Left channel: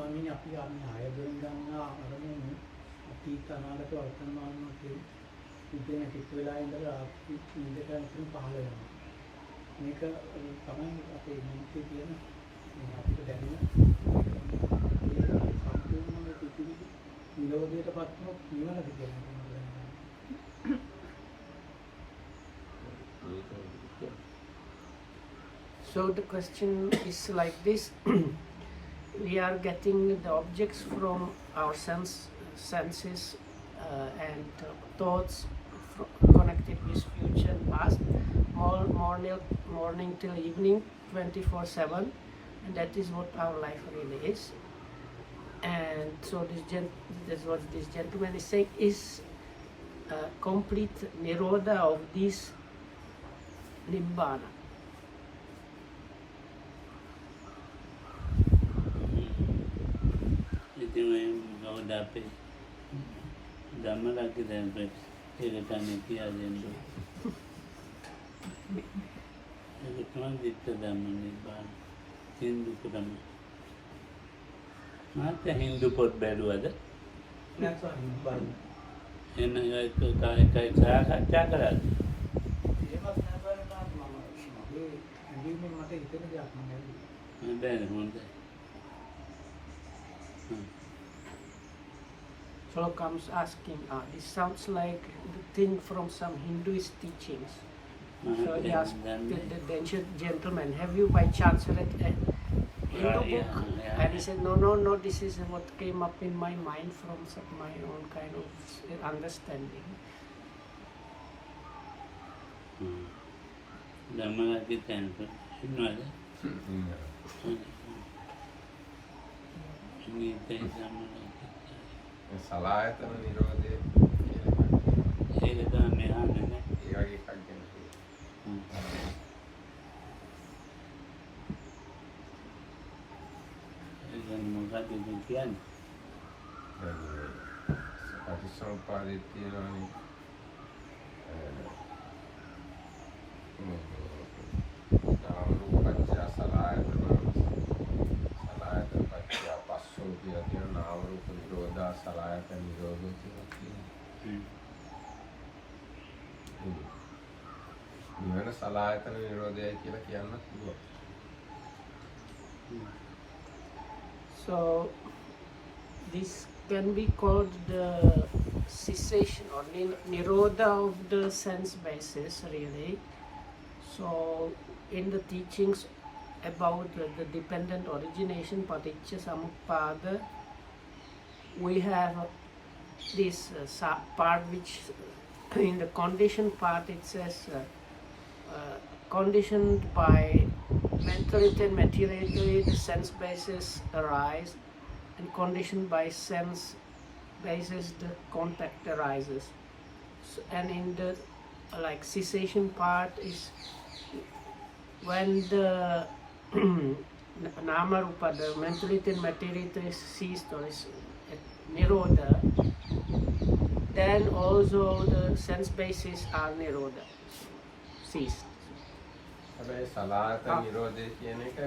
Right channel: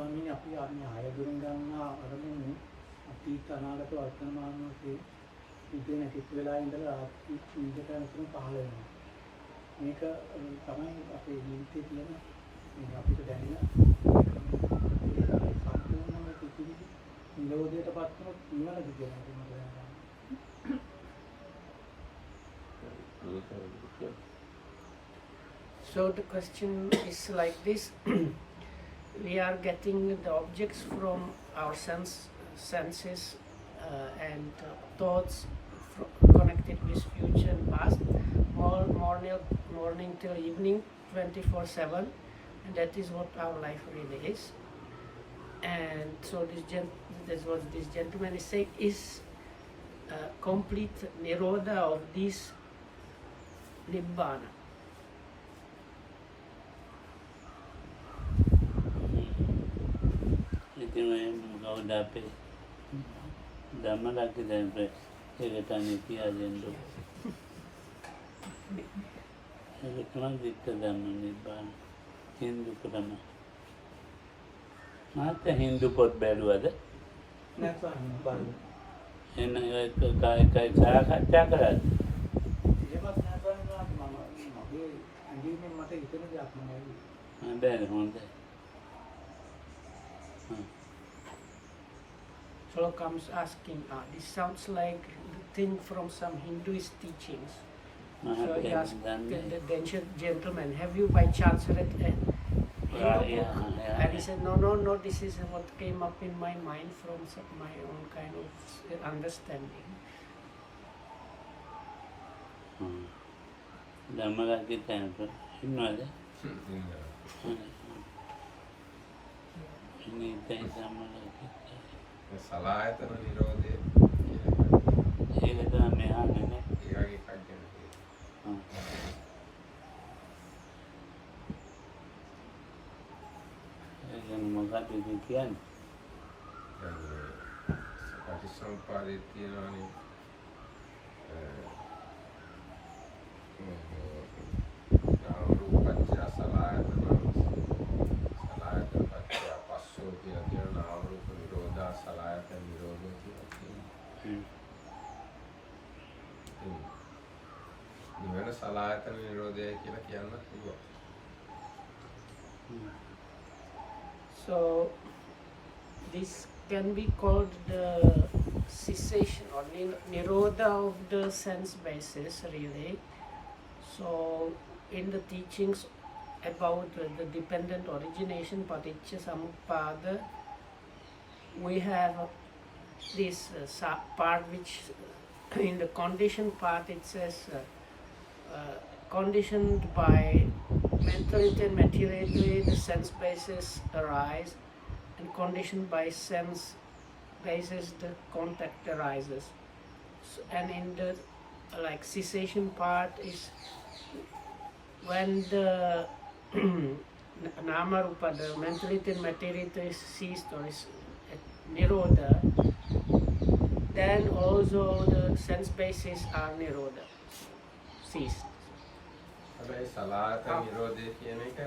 ස්වාමීන් අපි ආයතන ගන්නා අරමුණු අතීත අනාගත වර්තමානයේ ඉතින් කිසි වෙලාවෙ ඉඳලා ආත්මික නිදකරන තුන පහළ වෙනවා. මේක තමයි අපේ මොහොතේ කියන අපිට දැනෙන සම්පූර්ණ පිටිවි නිරෝධයට පත්වන නිවනද කියලා මම දන්නවා. So the question is like this. We are getting the objects from our senses and thoughts connected with future and past, morning till evening, 24/7, and that is what our life really is. And so that's what this gentleman is saying is complete nirodha of this nibbana. Dapat dalam lagi dan berkaitan itu aja itu. Itu cuma kita dalam ini bang Hindu pertama. Mata Hindu pot baru ada. Ini itu kai cara kerja keras. Ada honda. Fellow comes asking, this sounds like the thing from some Hinduist teachings. So he asked the gentleman, have you by chance read a Hindu book? And he said, no, this is what came up in my mind from my own kind of understanding. Dhammalaki temple, innada? සලායතන නිරෝධය ඒක තමයි මේ හඳුන්නේ. ඒ වගේ එකක් ගැන. ඒක මොකක්ද කියන්නේ? පටිච්චසමුප්පාදයේ තියෙනවානේ නාම රූප පත්‍ය සලායතන සලායතන පත්‍ය පස්සෝ කියලා කියන නාම රූප නිරෝධා සලායතන නිරෝධය කියලා කියනවා. නිවන සලායතන නිරෝධය කියලා කියන්නත් පුළුවන්. So this can be called the cessation or nirodha of the sense basis, really. So in the teachings about the dependent origination, paticca samuppada, we have this part which in the conditioned part it says conditioned by mentality and materiality the sense basis arise, and conditioned by sense basis the contact arises. So, and in the like cessation part is when the nama rupa, the mentality and materiality is ceased or is nirodha, then also the sense bases are nirodha, ceased. හැබැයි සලායතන නිරෝධය කියන එක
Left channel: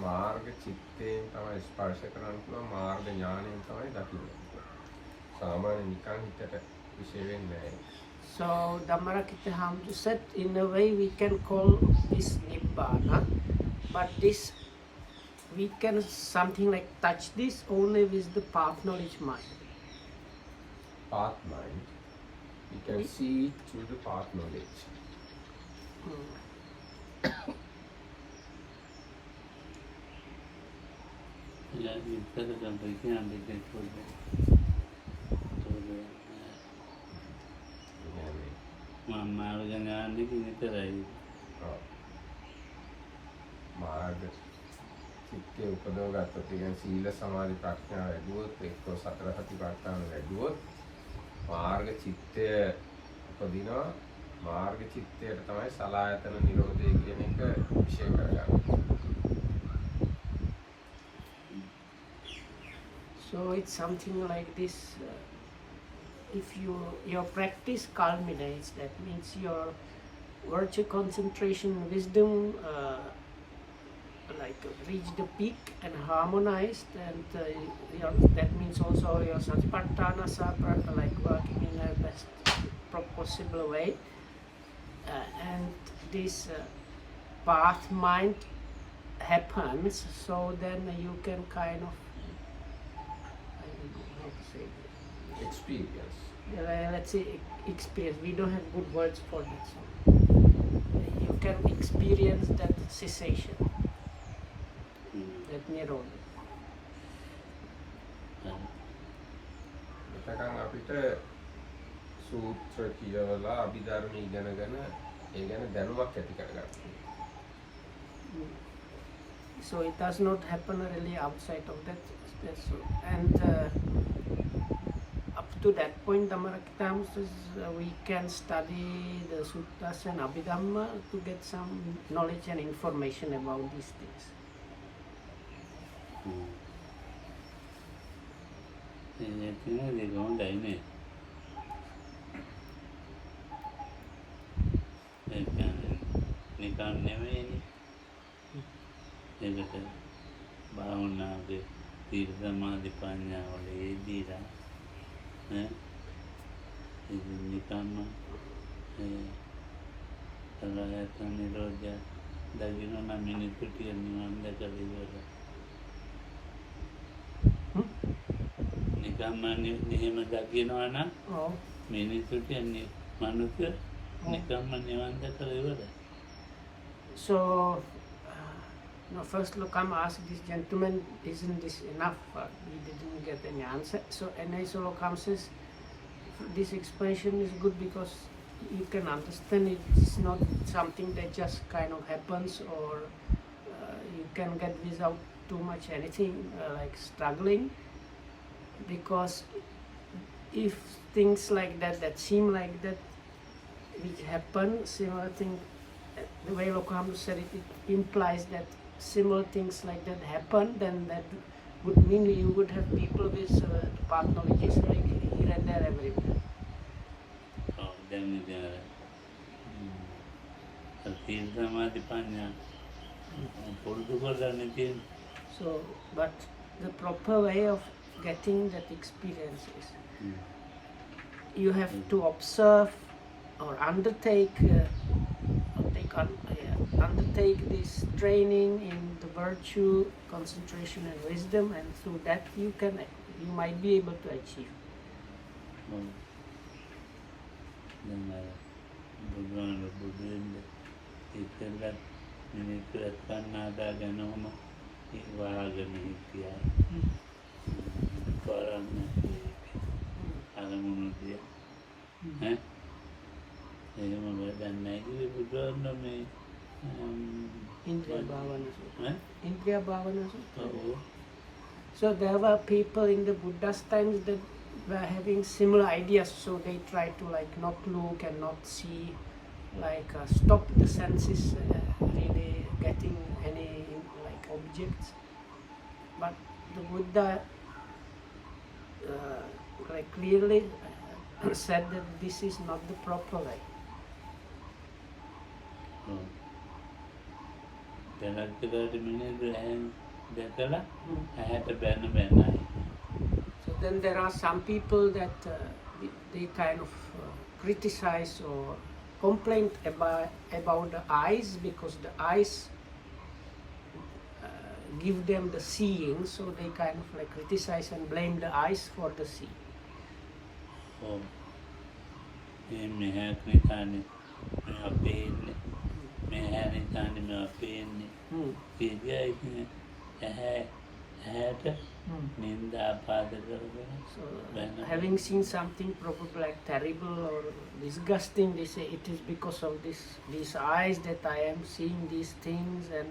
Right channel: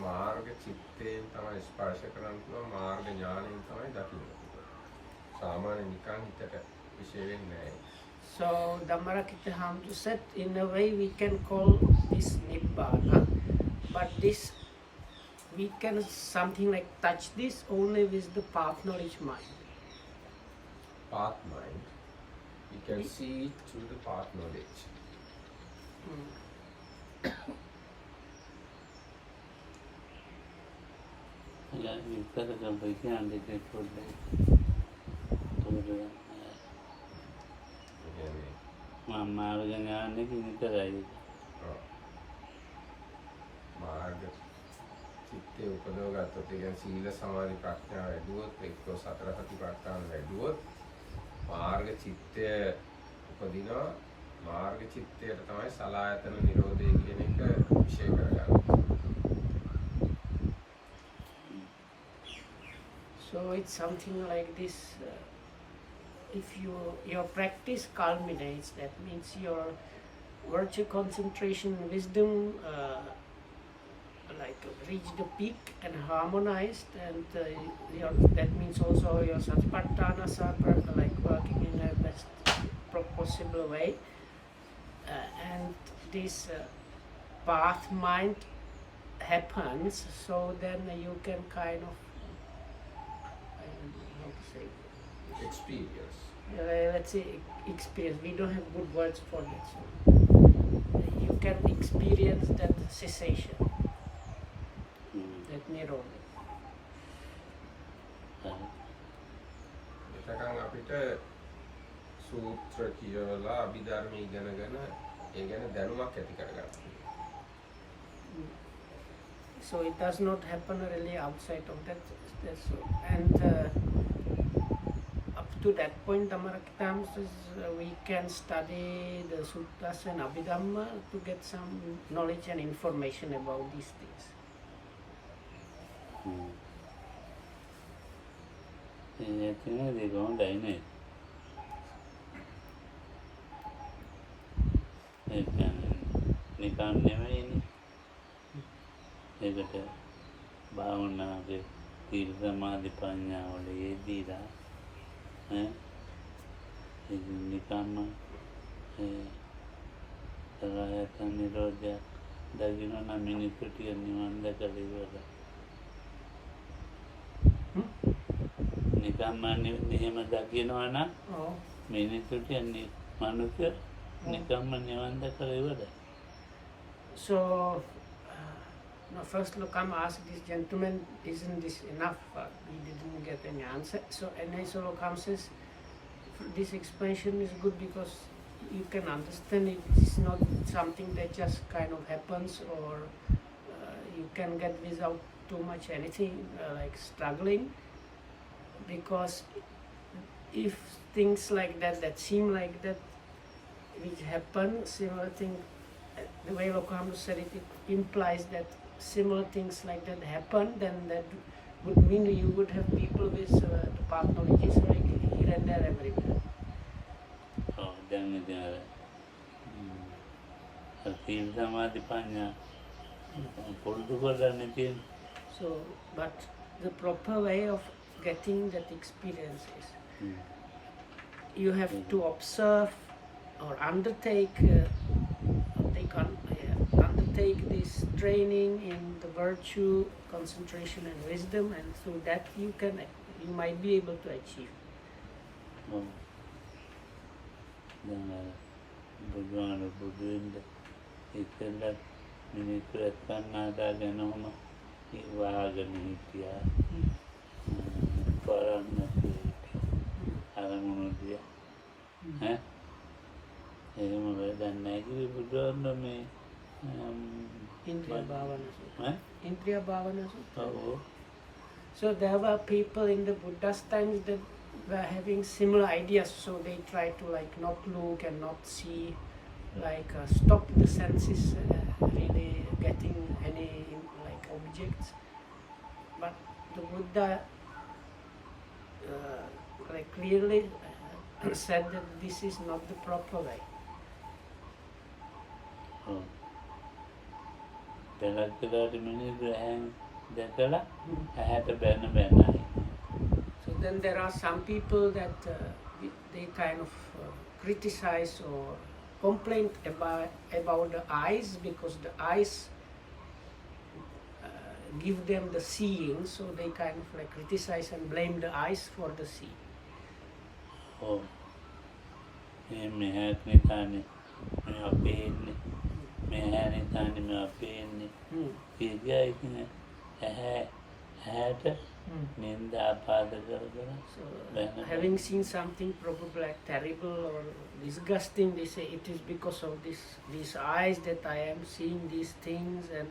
මාර්ග චිත්තයෙන් තමයි ස්පර්ශ කරන්න පුළුවන්, මාර්ග ඥාණයෙන් තමයි දකින්නේ. සාමාන්‍ය නිකන් හිතට විශේෂ වෙන්නේ නැහැ. So Dhammarakita Hamdu said, in a way we can call this Nibbana, but this we can something like touch this only with the path knowledge mind. Path mind, you can see it through the path knowledge. විස්තර කරපු කියන්නේ දෙකක් පොඩ්ඩක්. මම මාර්ග ඥානෙ විතරයි. මාර්ග චිත්තේ උපදව ගත්තොත් ඒ කියන්නේ සීල සමාධි ප්‍රඥා වැඩුවොත් එක්ක සතර සතිපට්ඨාන වැඩුවොත් මාර්ග චිත්තය උපදිනවා. මාර්ග චිත්තයට තමයි සලායතන නිරෝධය කියන එක විශේෂ කරගන්නේ. So it's something like this. If your practice culminates, that means your virtue, concentration, wisdom like reach the peak and harmonized, and that means also your satipatthanas are like working in the best possible way, and this path mind happens, so then you can kind of, I don't know how to say, Experience. let's say experience. We don't have good words for that. So you can experience that cessation, that nirodha. එතකන් අපිට සූත්‍ර කියවලා අභිධර්ම ඉගෙනගෙන ඒ ගැන දැනුමක් ඇති කරගන්න. So it does not happen really outside of that. So, and up to that point, we can study the sutras and Abhidhamma to get some knowledge and information about these things. They're going down නිකන් නෙමෙයිනේ. ඒකට භාවනාවේ සීල සමාධි ප්‍රඥා වල යෙදීලා ඉතින් නිකන්ම සලආයත නිරෝධය දකින්න නම් මිනිත්තු 30 නිවන් දැකලා ඉවරයි. නිකම්ම නියම දකින්නවා නම් මිනිත්තු 30 මනුෂ්‍ය නිකම්ම නිවන් දැකලා ඉවරයි. So, now first Lokam asked this gentleman, isn't this enough? We didn't get any answer. So, and so Lokam says, this expansion is good because you can understand it's not something that just kind of happens, or you can get without too much anything like struggling, because if things like that seem like that, it happen, similar thing, the way Lokam said it, it implies that similar things like that happen, then that would mean you would have people with path knowledge like here and there everywhere. Oh, then there. Sila samadhi prajna. So, but the proper way of getting that experience is you have to observe or undertake this training in the virtue, concentration and wisdom, and through that you might be able to achieve. Bhagwan Buddha ඉතල මිනිස්සු එක්කන්නාදා ගැනම වාගෙන හිටියා. පරන්න අරමුණු දිය. එහෙම වැඩක් නැහැ කිව්වේ බුදුන් මේ Indriya Bhavana Sutra. Indriya Bhavana Sutra. Oh. So there were people in the Buddha's times that were having similar ideas, so they try to like not look and not see, like stop the senses really getting any like objects. But the Buddha like clearly said that this is not the proper way. So then there are some people that they kind of criticize or complain about the eyes, because the eyes give them the seeing, so they kind of like criticize and blame the eyes for the seeing. Oh, me have me tiny, me pain, me have tiny, me pain. So having seen something probably like terrible or disgusting, they say it is because of these eyes that I am seeing these things, and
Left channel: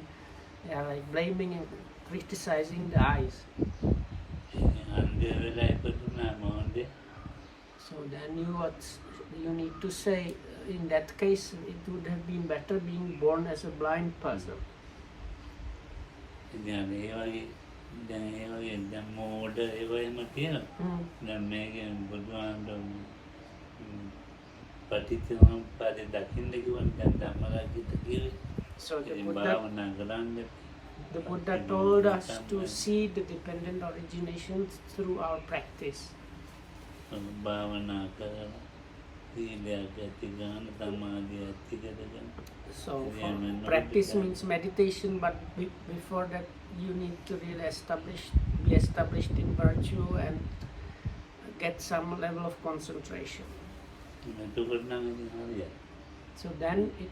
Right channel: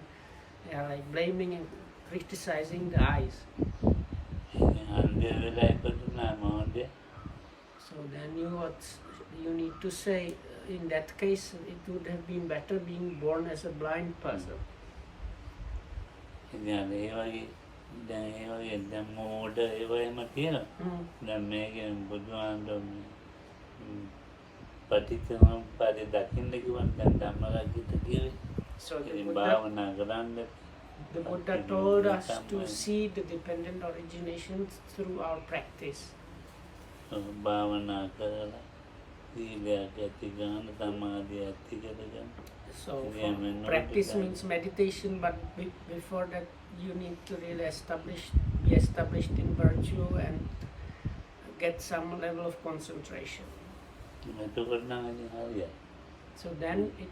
they are like blaming and criticizing the eyes. So then you need to say, in that case it would have been better being born as a blind person. So the Buddha, The Buddha told us to see the dependent originations through our practice. භාවනා කරලා සීලයක් ඇති ගන්න සමාධිය ඇති කරගෙන So practice means meditation, but before that you need to really be established in virtue and get some level of concentration. එතකොට නම් ඉතින් හරියයි. So then it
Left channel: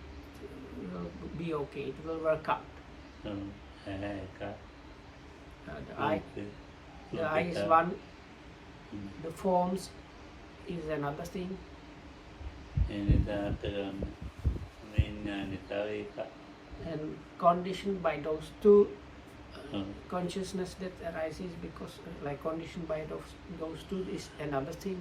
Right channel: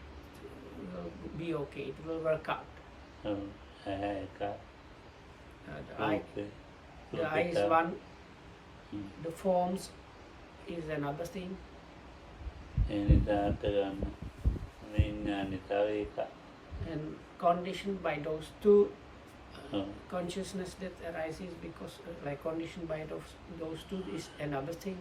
will be okay, it will work out. The eye is one, the forms is another thing. And conditioned by those two consciousness that arises because like conditioned by those two is another thing.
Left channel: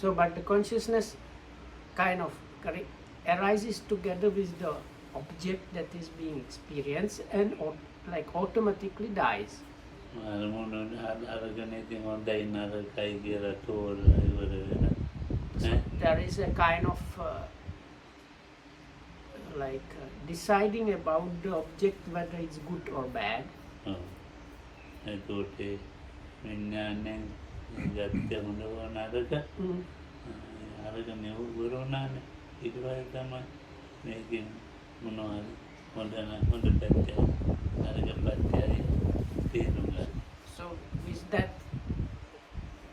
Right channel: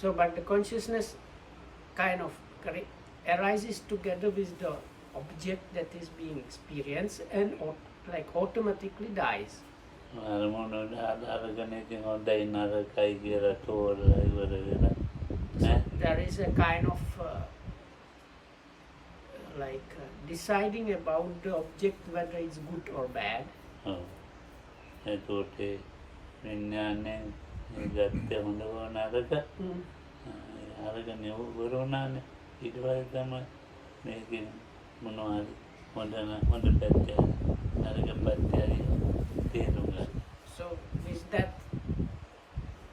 So but the consciousness kind of arises together with the object that is being experienced and like automatically dies. There is a kind of deciding about the object whether it's good or bad. So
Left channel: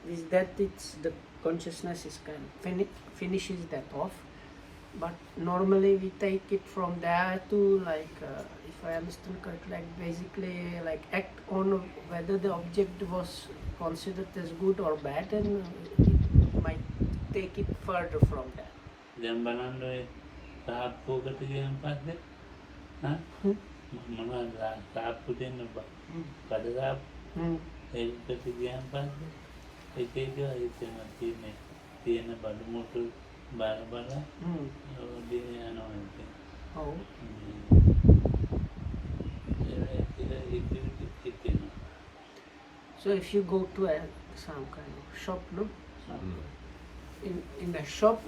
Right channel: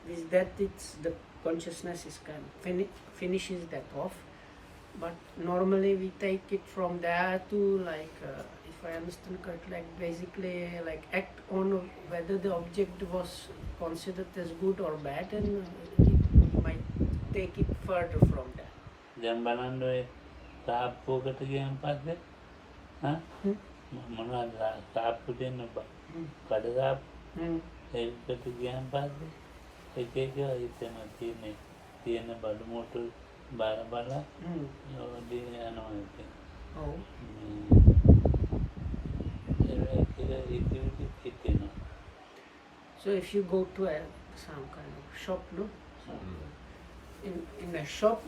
with that it's the consciousness is kind of finishes that off. But normally we take it from there to if I understand correctly, basically act on whether the object was considered as good or bad, and we might take it further from there. දැන් බලන්න ඔය සාප්පුවකට ගියන් පස්සේ මොනවද සාප්පු දෙන්න කඩදාප්පු ඒකට ගියන් පස්සේ එක එක එතන තියෙන බඩු මුට්ටු බල යනවා ඉතින්. Oh. So if you go to some kind of shop, no? In a shop,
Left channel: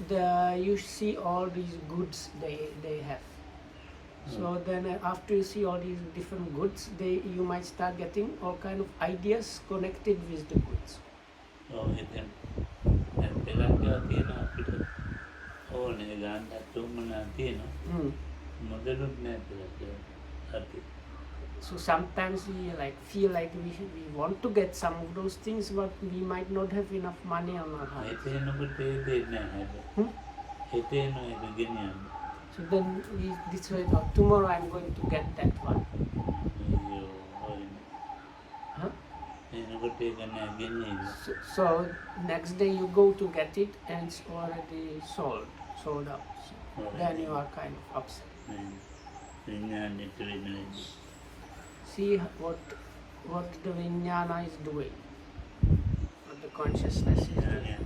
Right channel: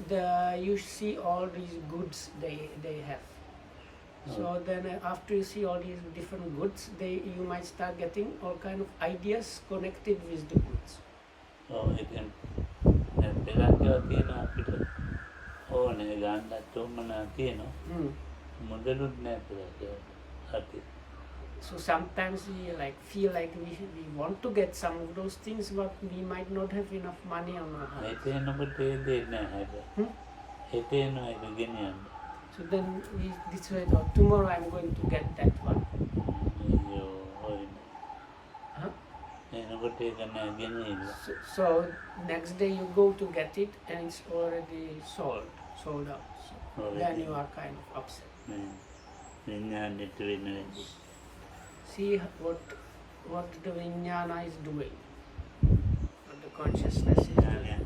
you see all these goods they have. So then after you see all these different goods, you might start getting all kind of ideas connected with the goods. So sometimes we feel like we want to get some of those things, but we might not have enough money on our hand. So then we decide, tomorrow I'm going to get that one. Huh? So next day you go to get it and it's already sold out. Then you are kind of upset. See what the vijnana is doing, what the consciousness is doing.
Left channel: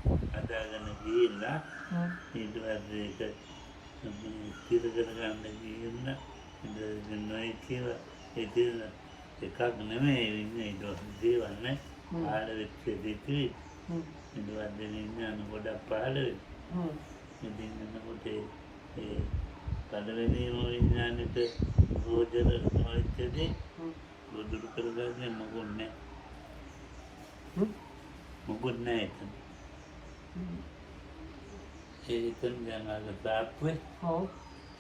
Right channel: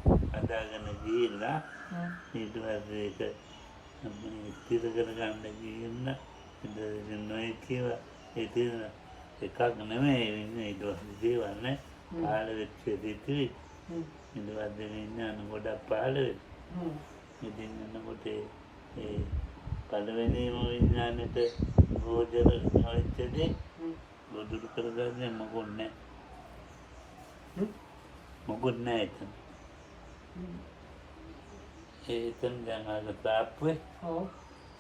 ඒකෙන් දැන් අර තාප්පුවේ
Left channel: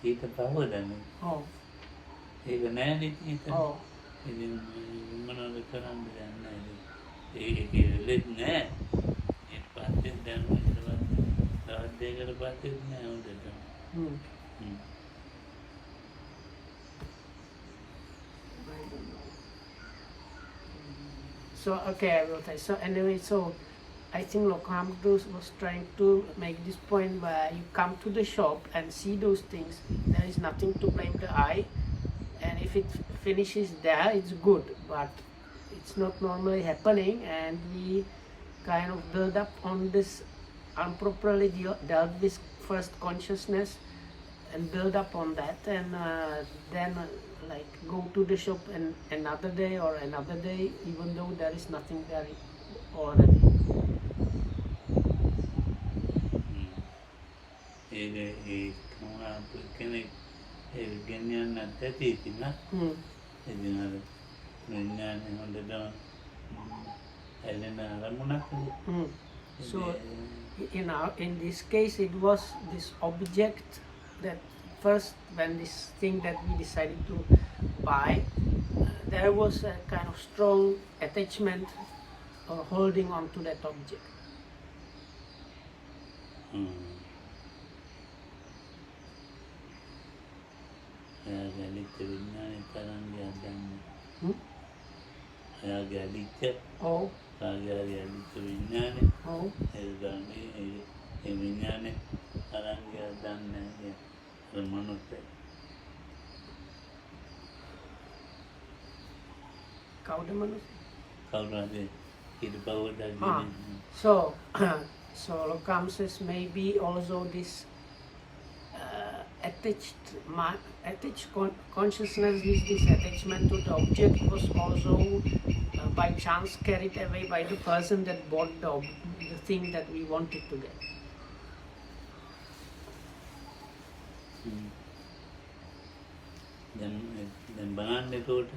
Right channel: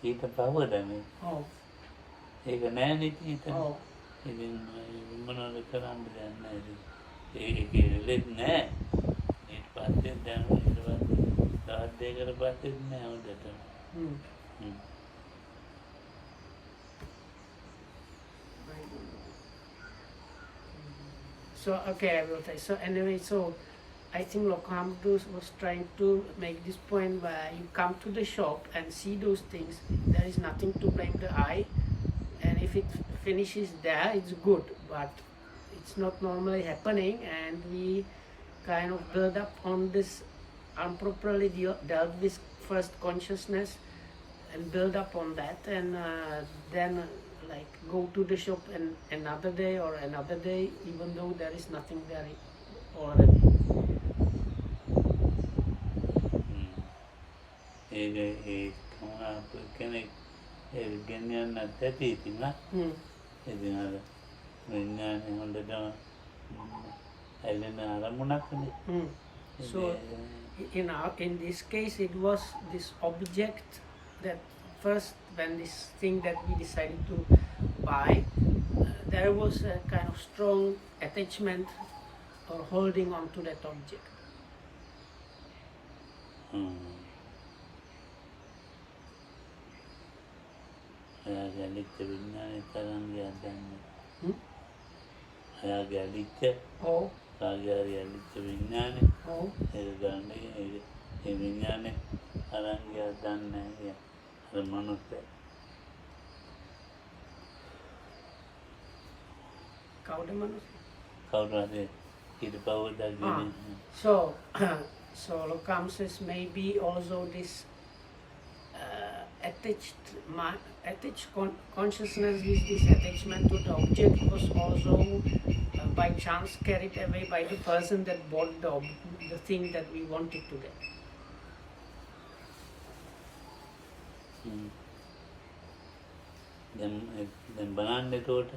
ඊට පහව දැනේ ඒක නෑනේ ඉතින් ඉතින් මොනවද කරන්න දැන් ඒක ඉලෙත් නෑ ඒ පස්සේ දැන් තවත් දෙයකට පස්සේ නෑ හොඳට. So okay, I will try. So anyway, so I think Lokamdu was trying to make this point where you come to the shop and see those things. There is nothing to blame the eye, and if it finishes there, it's good. But it's not normally happening, and we kind of build up on this improperly dealt with first consciousness and build up on that, and then like go to the shop and another day or another day, even though there is nothing there already. So in this case, it was this object that first, when this thing that we decided to buy, there was a kind of strong attachment or holding on to that object. Oh. So circumstances may be also this attached consciousness with this attachment to the object was also by chance carried away by the person that bought the thing that we wanted to get. Then banana told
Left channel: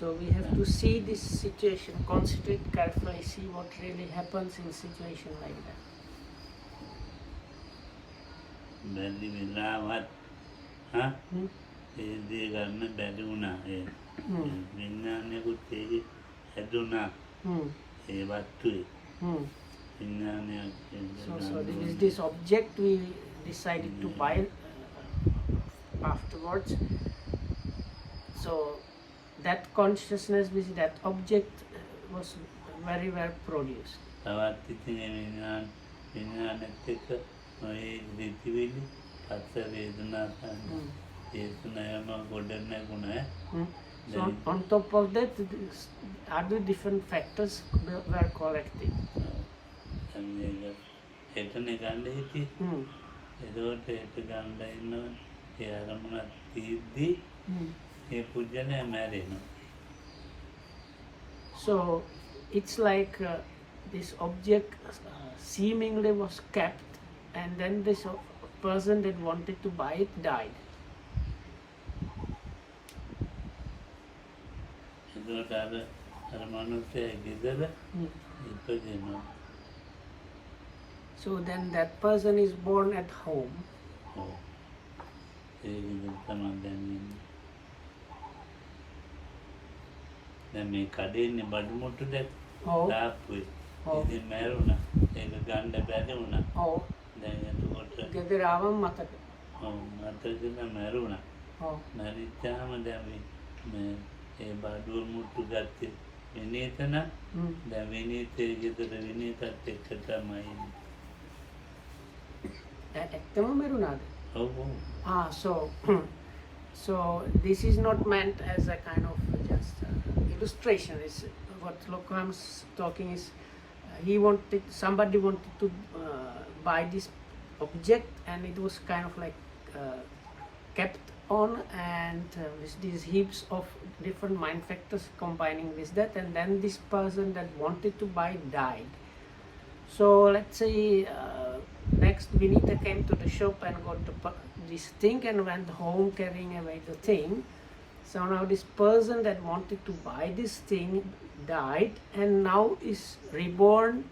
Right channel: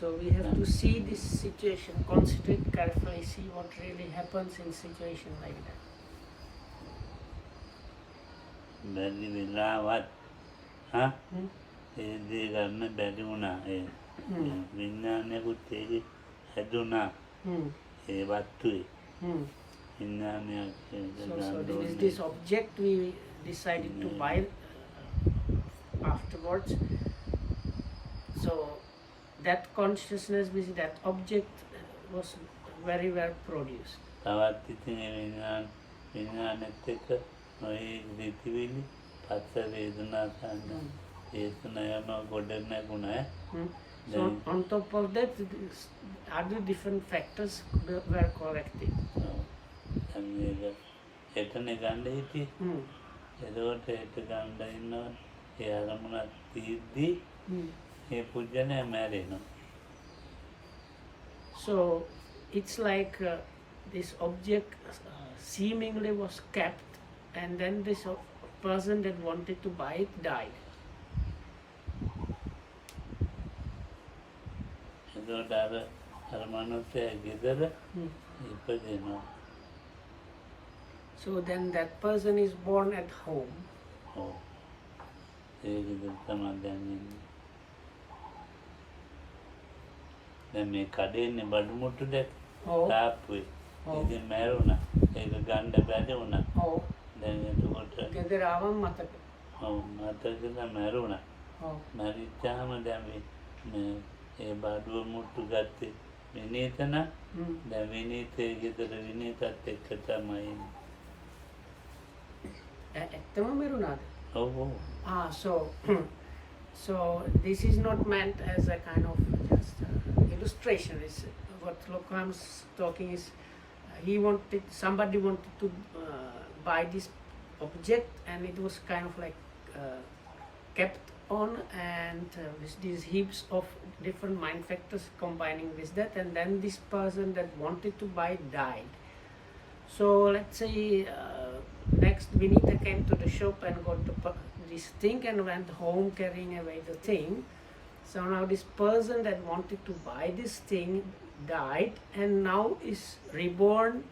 So we have to see this situation, concentrate carefully, see what really happens in a situation like that. So this object we decided to buy afterwards. So that consciousness with that object was very well produced. So on top of that, other different factors were collected. So it's like this object seemingly was kept, and then this person that wanted to buy it died. So then that person is born at home. Then me kadene badumutu de tapui idi meruna eka ganda baduna then etuකොට gedaravam mataka mataka meruna marichama then me e baduwa muttu gatte vinitana then vinite gedara vinitat ekka tamai ettama merunada. Oh. So this is not meant as a kind of just illustration. It's what Lokram's talking is somebody wanted to buy this object, and it was kind of like kept on, and these heaps of different mind factors combining with that, and then this person that wanted to buy died. So let's say next Vinita came to the shop and got this thing and went home carrying away the thing. So now this person that wanted to buy this thing died and now is reborn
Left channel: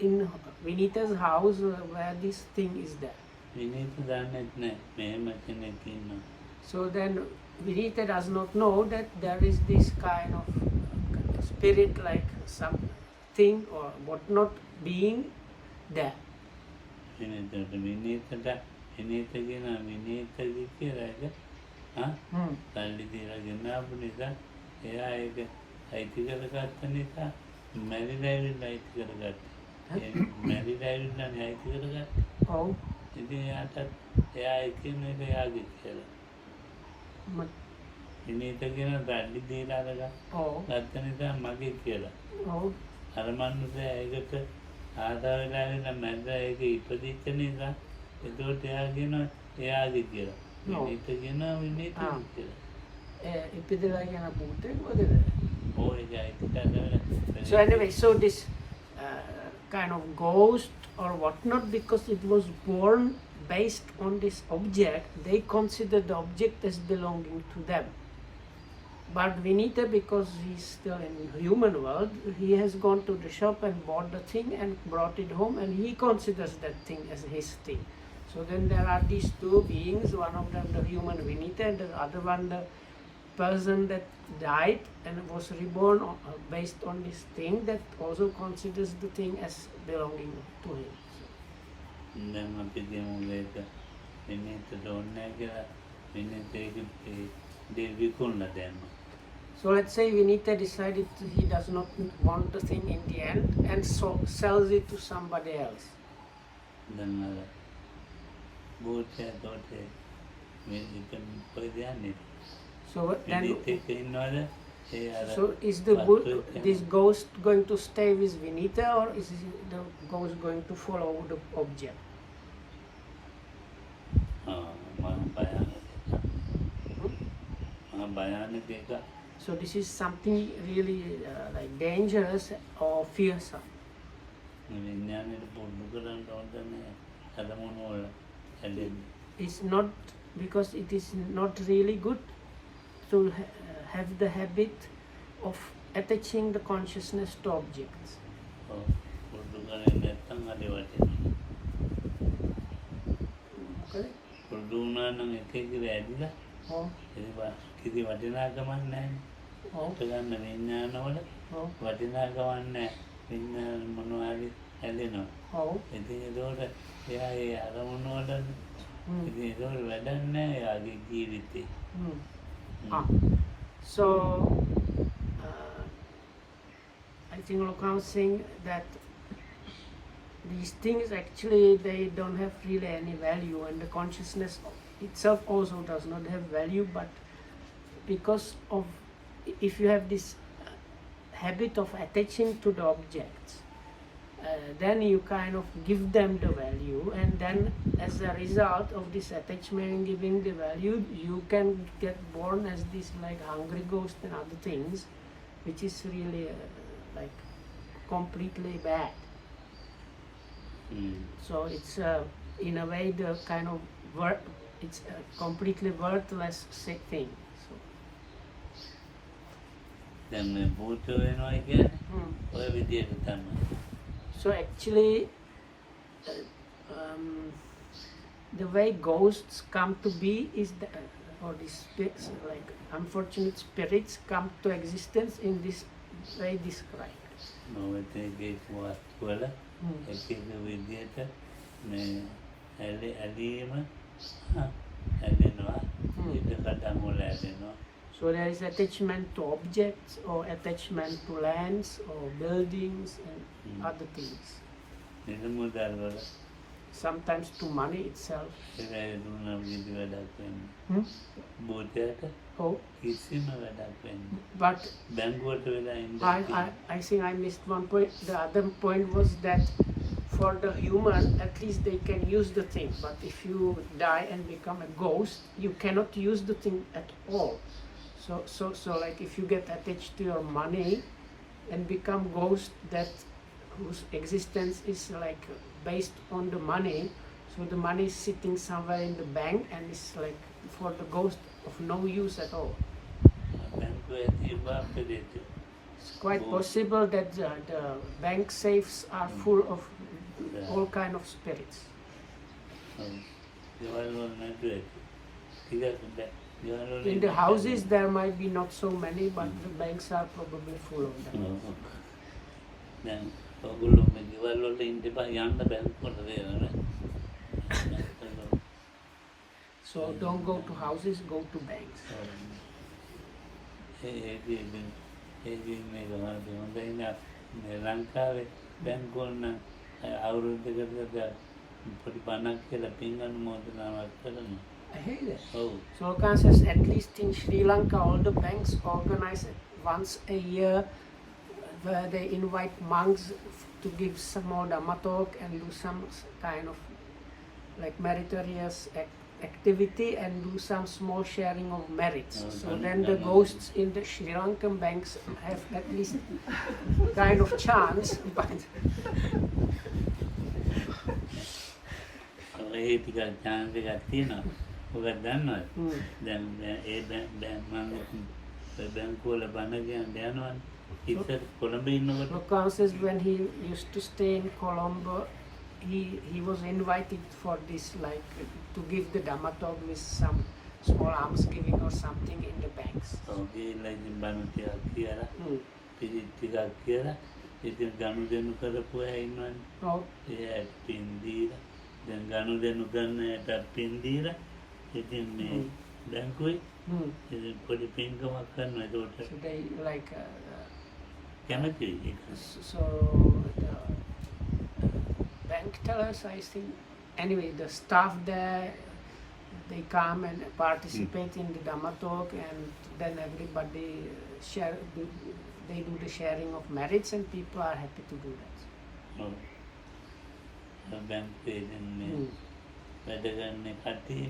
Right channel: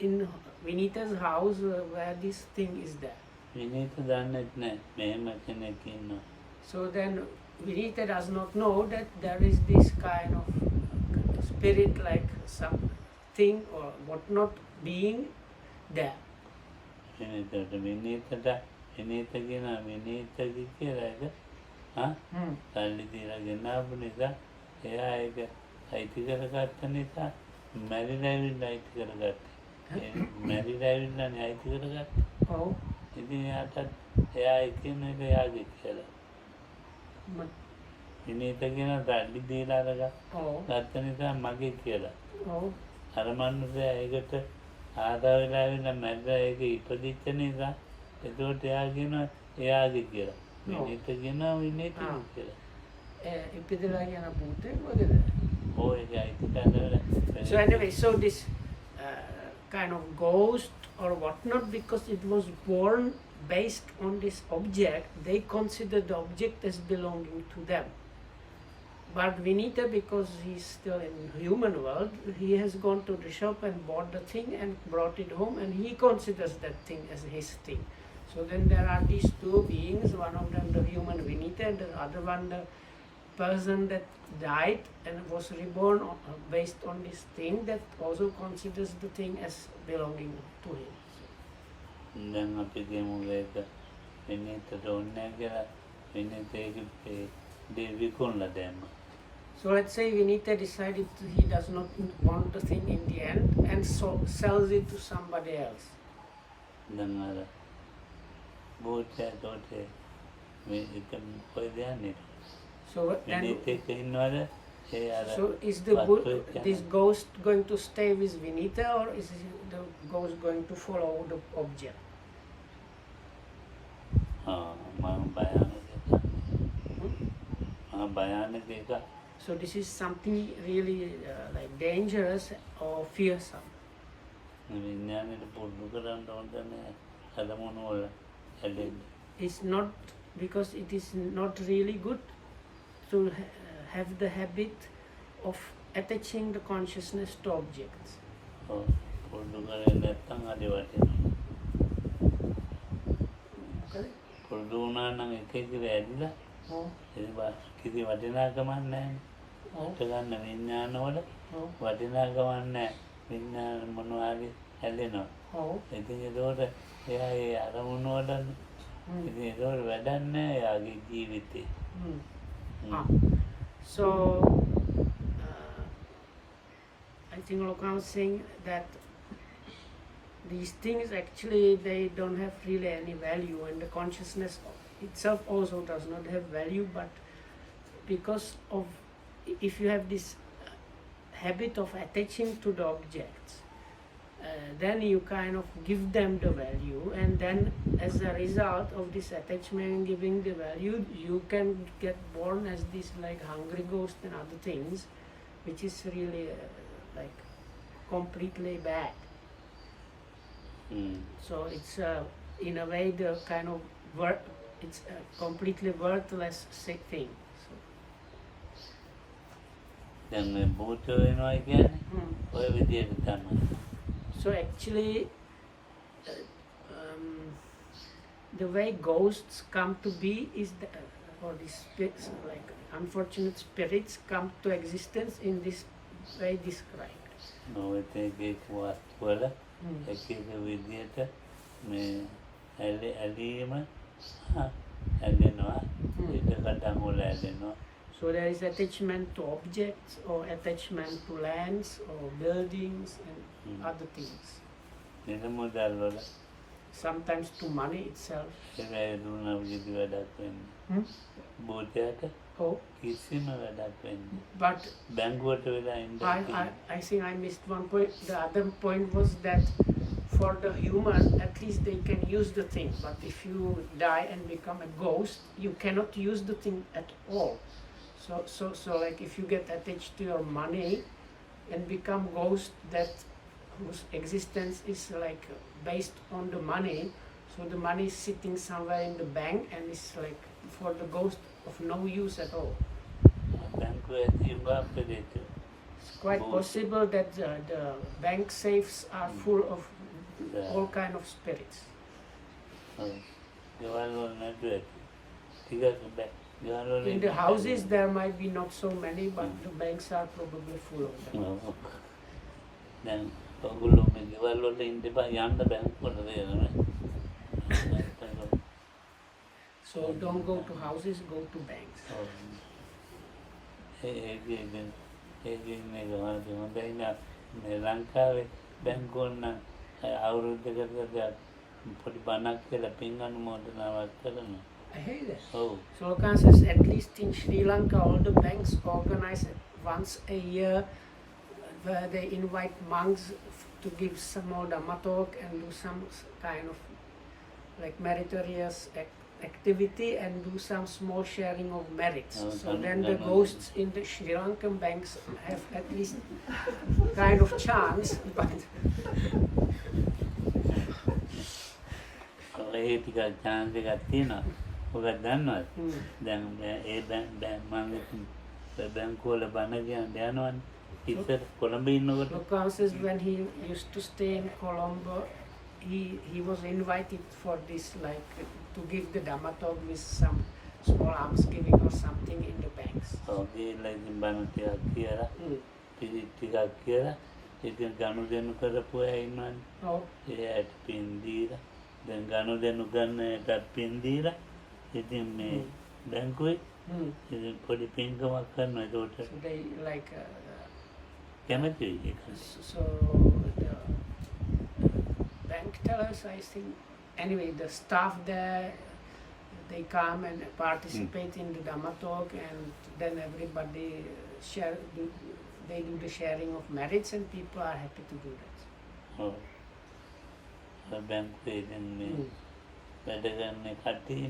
in Vinita's house where this thing is there. So then Vinita does not know that there is this kind of spirit like something or whatnot being there. ආදා වෙලා ඇවිල්ලා මැද ඒක ඉපදිච්ච නිසා එතකොට එයා කියනවා එයාදි කියලා. මිනිට කියනවා මිනිට කියලා. ඉපදලා යන භූතෙක් වගේද? ඔය ඒක හිතා So anyway, so this kind of ghost or whatnot, because it was born based on this object, they consider the object as belonging to them. But Vinita, because he's still in human world, he has gone to the shop and bought the thing and brought it home, and he considers that thing as his thing. So then there are these two beings, one of them the human Vinita and the other one the person that died and was reborn based on this thing, that also considers the thing as belonging to him. දැන් අපි කියමු ඒක minute ඕනේ කියලා minute ඒක විකුණලා දැම්මා. So let's say Vinita decided he does not want the thing in the end and so sells it to somebody else. දැන් අර බෝතේ තෝතේ මේ ඉතින් කොහෙද යන්නේ? So then, මිනිට ඉන්නවද? ඒ අර so is this ghost going to stay with Vinita, or is the ghost going to follow the object? So this is something really like dangerous or fearsome. It's not, because it is not really good to have the habit of attaching the consciousness to objects. Okay? කිසි වටිනාකමක් නැහැ. ඔතලන්න විඥානවල වටිනාකමක් නැහැ. විඥාන මොනවාරි හැදෙනවා. ඉතින් ඒකෝට එයා ඒ අරමුණු වල ඉතින් ඒක වැඩක් නැහැ එයාගේ ජීවිතේ. So I think Lokam was saying that these things actually they don't have really any value, and the consciousness itself also does not have value, but because of, if you have this habit of attaching to the objects, then you kind of give them the value, and then as a result of this attachment giving the value, you can get born as this like hungry ghost and other things, which is really like completely bad. So it's in a way the kind of it's a completely worthless sick thing. So actually the way ghosts come to be is or these like unfortunate spirits come to existence in this way described. So there is attachment to objects or attachment to lands or buildings and other things. Sometimes to money itself. Oh. But I think I missed one point. The other point was that for the human, at least they can use the thing. But if you die and become a ghost, you cannot use the thing at all. So like if you get attached to your money and become ghost whose existence is like based on the money, so the money is sitting somewhere in the bank and it's like for the ghost of no use at all. It's quite possible that the bank safes are full of all kind of spirits. In the houses there might be not so many, but the banks are probably full of them. So don't go to houses, go to banks. I hear that. So says at least in Sri Lanka all the banks organize once a year where they invite monks to give some more Dhamma talk and do some kind of like meritorious activity and do some small sharing of merits. So then the ghosts in the Sri Lankan banks have at least kind of chance, but ඒ ටිකක් chance එකක් තියෙනවා. ඔකට දන්නවද? දැන් මම බැංකුවල බණ කියන්න යනවනේ. ඉතින් කොළඹ ඉන්නකොට Lokam says when he used to stay in Colombo, he was invited for this, like to give the Dhamma talk with some small almsgiving or something in the banks. ගිහිල්ලා ඉතින් බණ ටිකක් කියලා ටිකක් කියලා ඉතින් ගනුදෙනු කරපු අය ඉන්නවනේ. ඒකට පින් දීලා දැන් ගනුදෙනු ගන්න එකට පින් දීලා ඉතින් මේ බැංකුවේ ඉතින් පොඩි පින්කමක් කරනවා. ඒකට So they like කැමතියි. so the bank tellers, I think, anyway, the staff there, they come and participate in the Dhamma talk, and then everybody they do the sharing of merits, and people are happy to do that. බැංකුවේ ඉතින් මේ වැඩ කරන කට්ටිය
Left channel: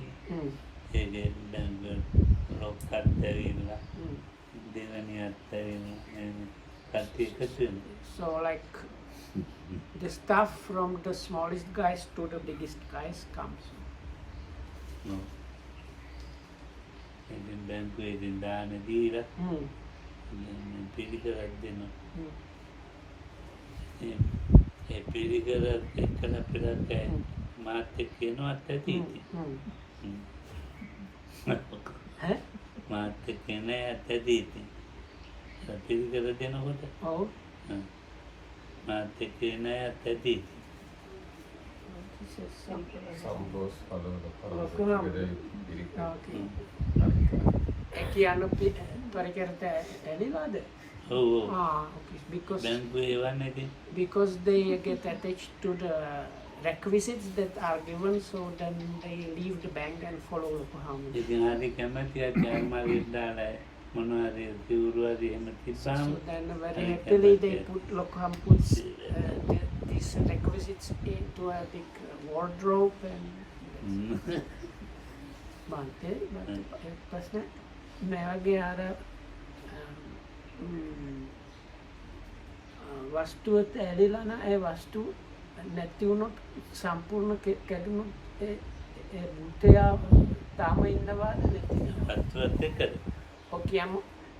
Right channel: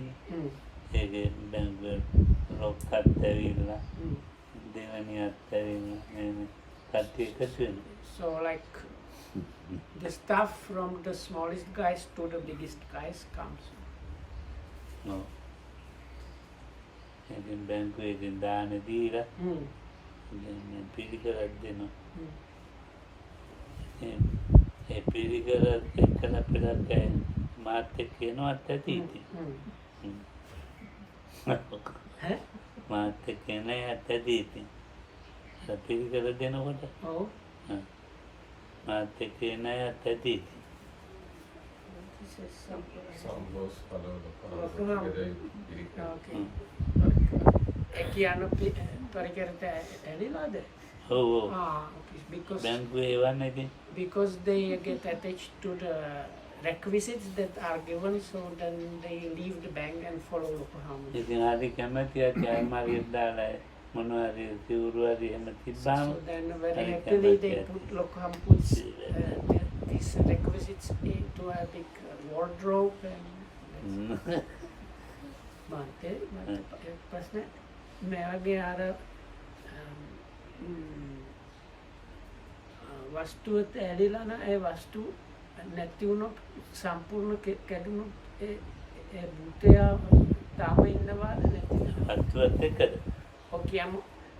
ඒකේ බැංකුවේ ලොක්කත් ඇවිල්ලා දෙවනියත් ඇවිල්ලා කට්ටිය එකතු වෙනවා. So like the staff from the smallest guys to the biggest guys comes. ඉතින් බැංකුවේ ඉතින් දාන දීලා ඉතින් පිළිකරක් දෙනවා. ඒ පිළිකරත් එක්කන පෙරක් මාත් එක්ක එනවත් ඇති ඉතින්. මාත් එක්ක එන ඇත් ඇති ඉතින්. පිළිකර දෙනකොට මාත් එක්ක එන ඇත් ඇති ඉතින්. Some goes follow the because they get attached to the requisites that are given, so then they leave the bank and follow Local Harmony. ඉතින් හරි කැමතියි මාගෙත් දාලා මොනවාරි සිවුරුවරි එහෙම තිබ්බාම So then very happily they put Local Harmony puts these requisites into a big wardrobe and වස්තුවත් ඇලිලා නම් ඒ වස්තු නැති වුණොත් සම්පූර්ණ කැඩුණොත් ඒ භූතයා තාම ඉන්නවාද නැති වස්තුවත් එක්කද? කියමු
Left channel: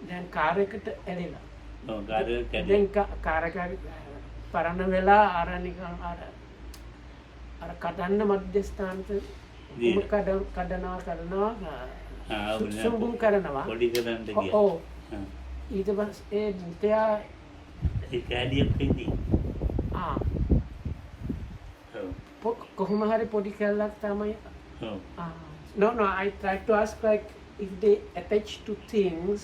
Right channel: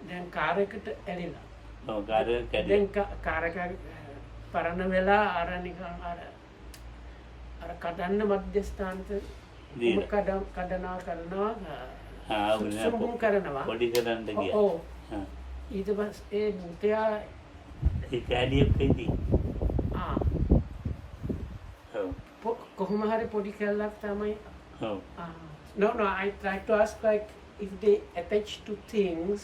දැන් කාර් එකට ඇලිලා. ඔව් කාර් එක දැන් කාර් එක පරණ වෙලා අර නිකන් අර කඩන්න මධ්‍යස්ථානට කඩනවා සුඹුම් කරනවා පොඩි කරන්න ගියා. ඔව් ඊට පස්සේ ඒ භූතයා ඒ කැඩියක් කෙටි. කොහොම හරි පොඩි කැල්ලක් තමයි. ඔව්. No, I try to ask like if they attach to things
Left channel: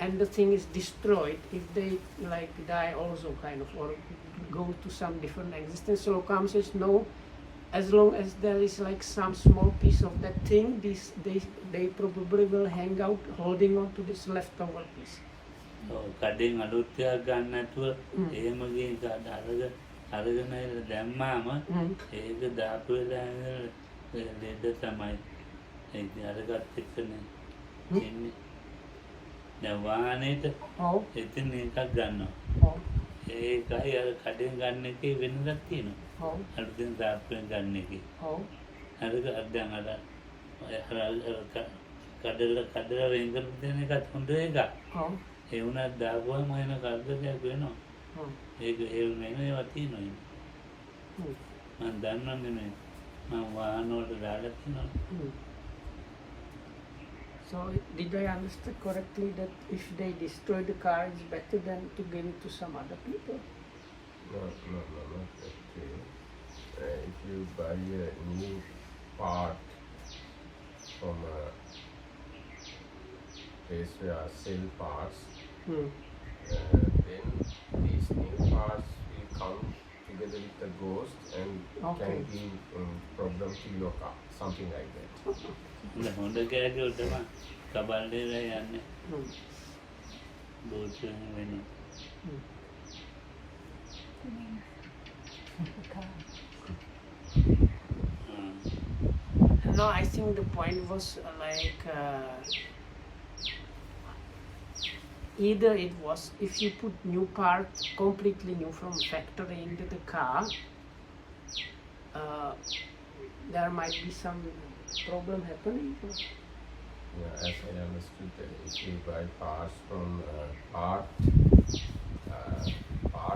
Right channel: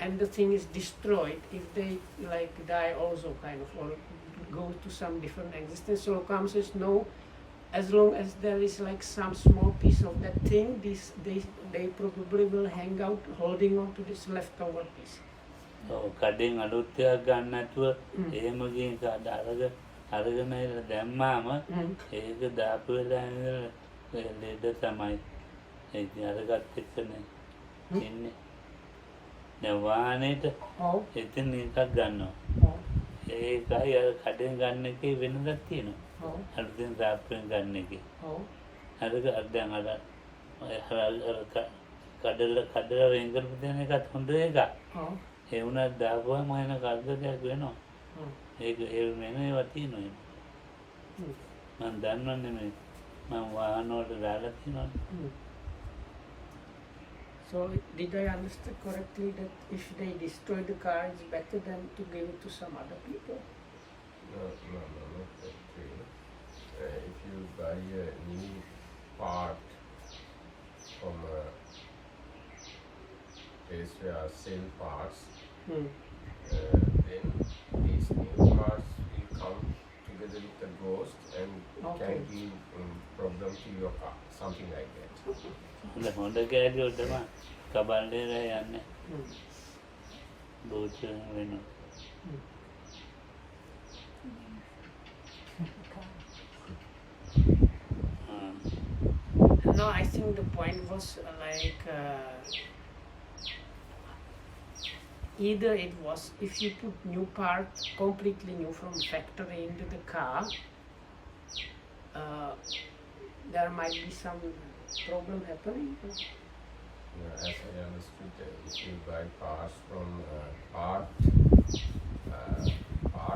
and the thing is destroyed, if they like die also kind of or go to some different existence. So Kam says no, as long as there is like some small piece of that thing, they probably will hang out holding on to this leftover piece. කඩෙන් අලුත් එකක් ගන්න නැතුව එහෙම ගිහින් අරගෙන දැම්මාම ඒක දාපු වෙලාවේ ලෙඩ තමයි ඒක අරගත් එක්කනේ ඉන්නේ. දැන් වාහනේට එතන එකක් ගන්නවා. ඒකයි අර කඩෙන් ගන්න එකේ වෙනසක් තියෙනවා. අලුතෙන් දාපුවෙන් ගන්න එකේ. අර දැන් අර කඩලා වෙන් කරපු දෙන එකත් හොඳ එකක්. ඒ වුණත් දාපුවම එන කරදරයක් වෙනවා. ඒක ඒ නෙමෙයිවා තියෙනවා. මම දන්නවනේ මේ මම වාහන වලට දාලා තියෙනවා. So did I understand correctly that if they destroy the car, it's better than to give it to some other people? No, not actually. If you buy a new part from a place where I sell parts, then these new parts will come together with the ghost and can give problem to your car, something like that. හොඳ කෑලියෝ තමයි කබල්ලේලා යන්නේ. භූත වෙනවා. No, I think the point was either it was if you put new parts, completely new from factory into the car, there might be some problem happening. Yeah, as I understood, if you buy parts from part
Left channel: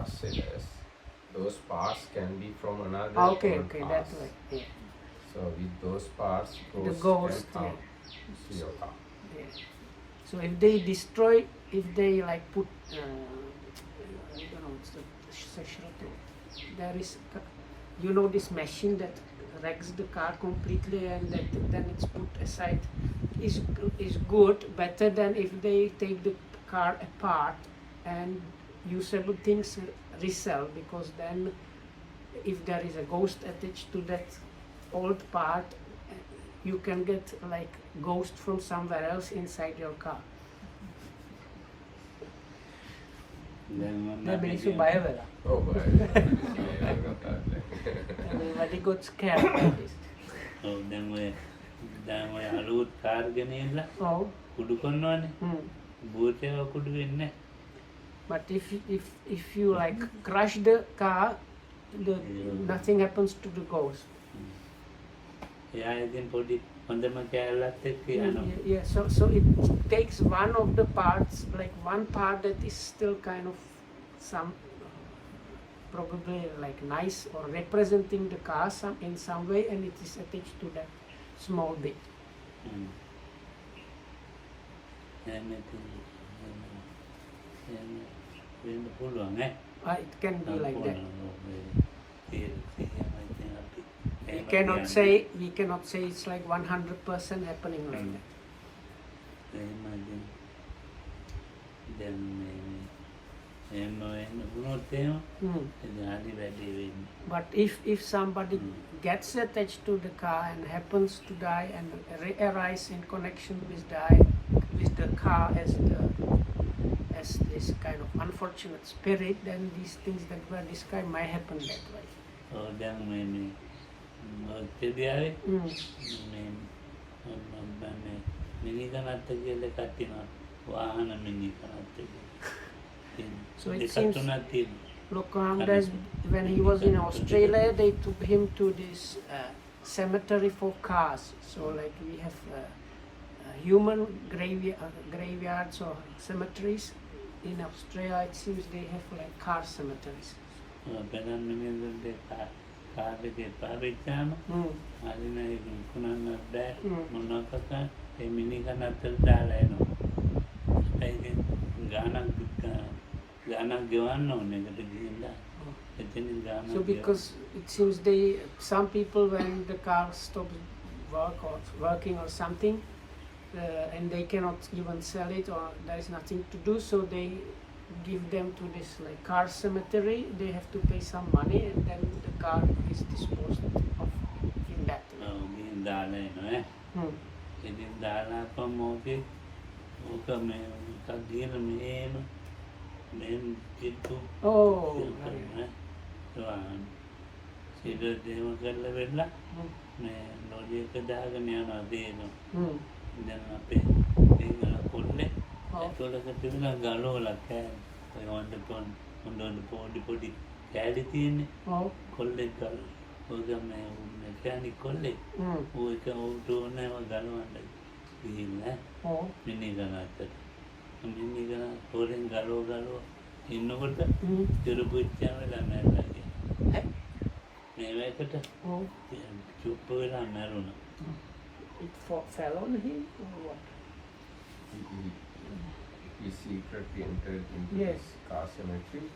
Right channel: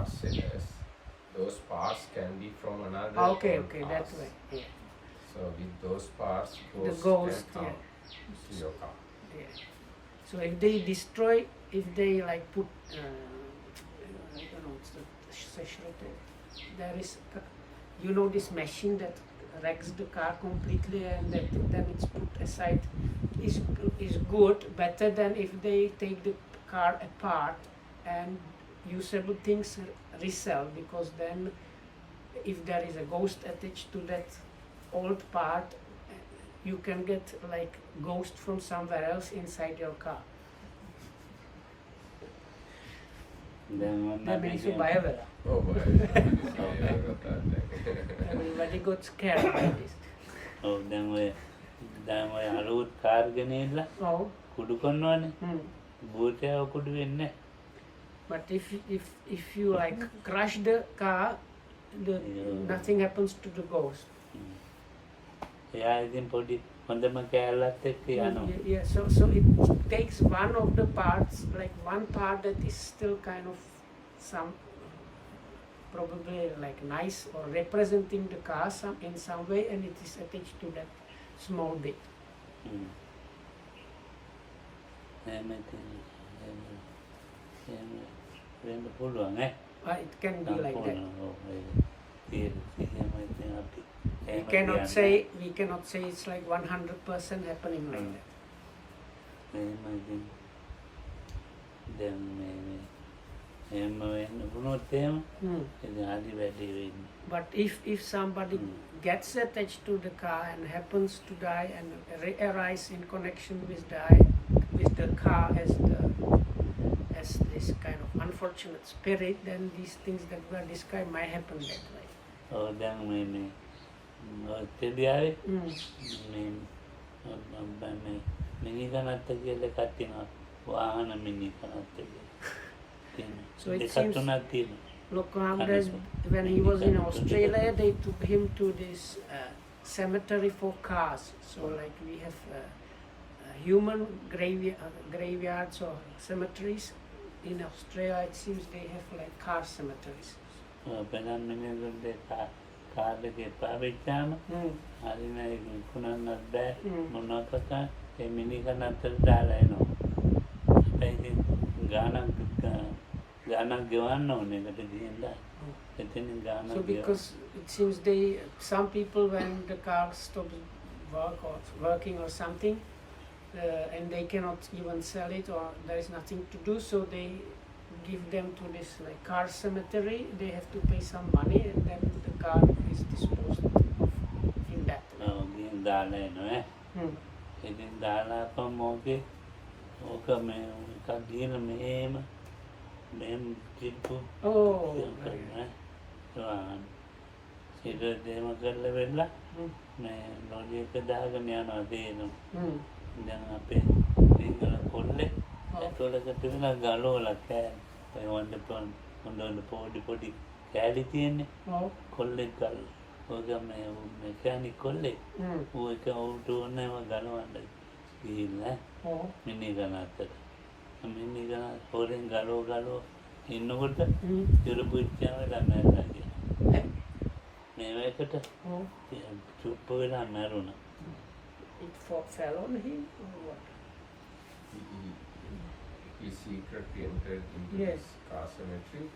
sellers, those parts can be from another Okay, old that parts. way. Yeah. So with those parts, The ghosts ghost, can come yeah. to your car. Yeah. So if they destroy, if they like put, I don't know, it's the sexual thing. There is, this machine that wrecks the car completely and that then it's put aside is good, better than if they take the car apart and usable things resell, because then if there is a ghost attached to that old part, you can get like ghost from somewhere else inside your car. That means you buy a villa. Oh, Everybody got scared by this. Oh, then we අලුත් car ගෙනියලා Oh. කුඩු කරනවානේ. භූතයව කුඩු වෙන්නේ. But if you like crash the car, nothing happens to the ghost. එයා ඉතින් පොඩි හොඳම කෑල්ලත් එක්ක යනවා. Yeah, so it takes one of the parts, like one part that is still kind of some probably like nice or representing the car in some way, and it is attached to that small bit. It can be like that. We cannot say it's like 100% happening like that. But if somebody gets attached to the car and happens to die and arise in connection with the car as this kind of unfortunate spirit, then these things that were described might happen that way. Oh, then ඔස්ට්‍රේලියාවේ මිනි කනත්ත කියලා කට්ටියනවා වාහන මිනි කනත්ත So it seems Lokamdas, when he was in Australia, they took him to this cemetery for cars. So like we have human graveyards or cemeteries. In Australia, it seems they have like car cemeteries. කාලෙකේ පාවිච්චාම හරිනයි කුණන්නත් බෑ මොනවකක ඒ මිනි කනත්තට දාලා එනවා. ඒකෙන් ගානක් ගෙවන්න ඕනේ ඒකට ගිහිල්ලා. එතනින් ගානක්. So because it seems some people when the car stops working or something, and they cannot even sell it or there is nothing to do, so they give them to this like car cemetery. They have to pay some money and then the car is disposed of in that way. දාලා එනවා. ඉතින් දාලා අපම ඕකේ ඕක මේ කඩියන මේම කිප්පු. ඒක දෙම කරලා වෙලා මේ ලෝජි එක දාගෙන යනවා දේනවා. දැන් අපේ ඒක කොල්ලේ ඒකලක තිබුණා ගලවලා කෑ හොඳ පොඩි කෑලි තියෙන්නේ. කොල්ලෙක් ගල ඔය මේ මෙකැනික් කොල්ලෙක් ඔයක උඩෝනම ගලවන්න ගිහිල්ලා මිනි ගන්නත් මිනි ගන්න පොරෙන් ගලව ඉන්නකොට ඉරුපුච්චාවලා මැරලා මේකට චුප්ප වෙලා මැරුණා. It fell on him or what? He secretly entered into this car cemetery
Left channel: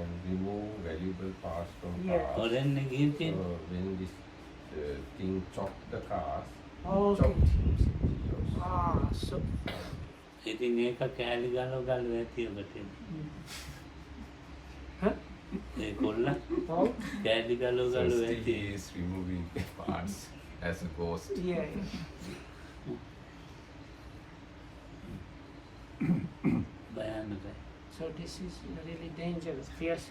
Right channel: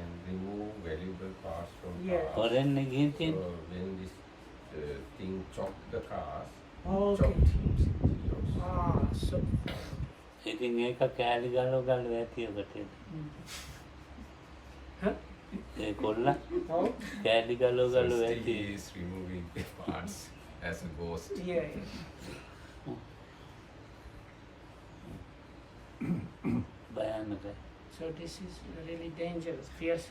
and removed valuable parts from cars. So when this thing chopped the cars, chopped him. So ඉතින් ඒක කෑලි ගලව ඇතිය බටේ. ඒ කොල්ලා කෑලි ගලව ඇති. He is removing the parts as a ghost. භයානකයි. So this is really dangerous, fierce.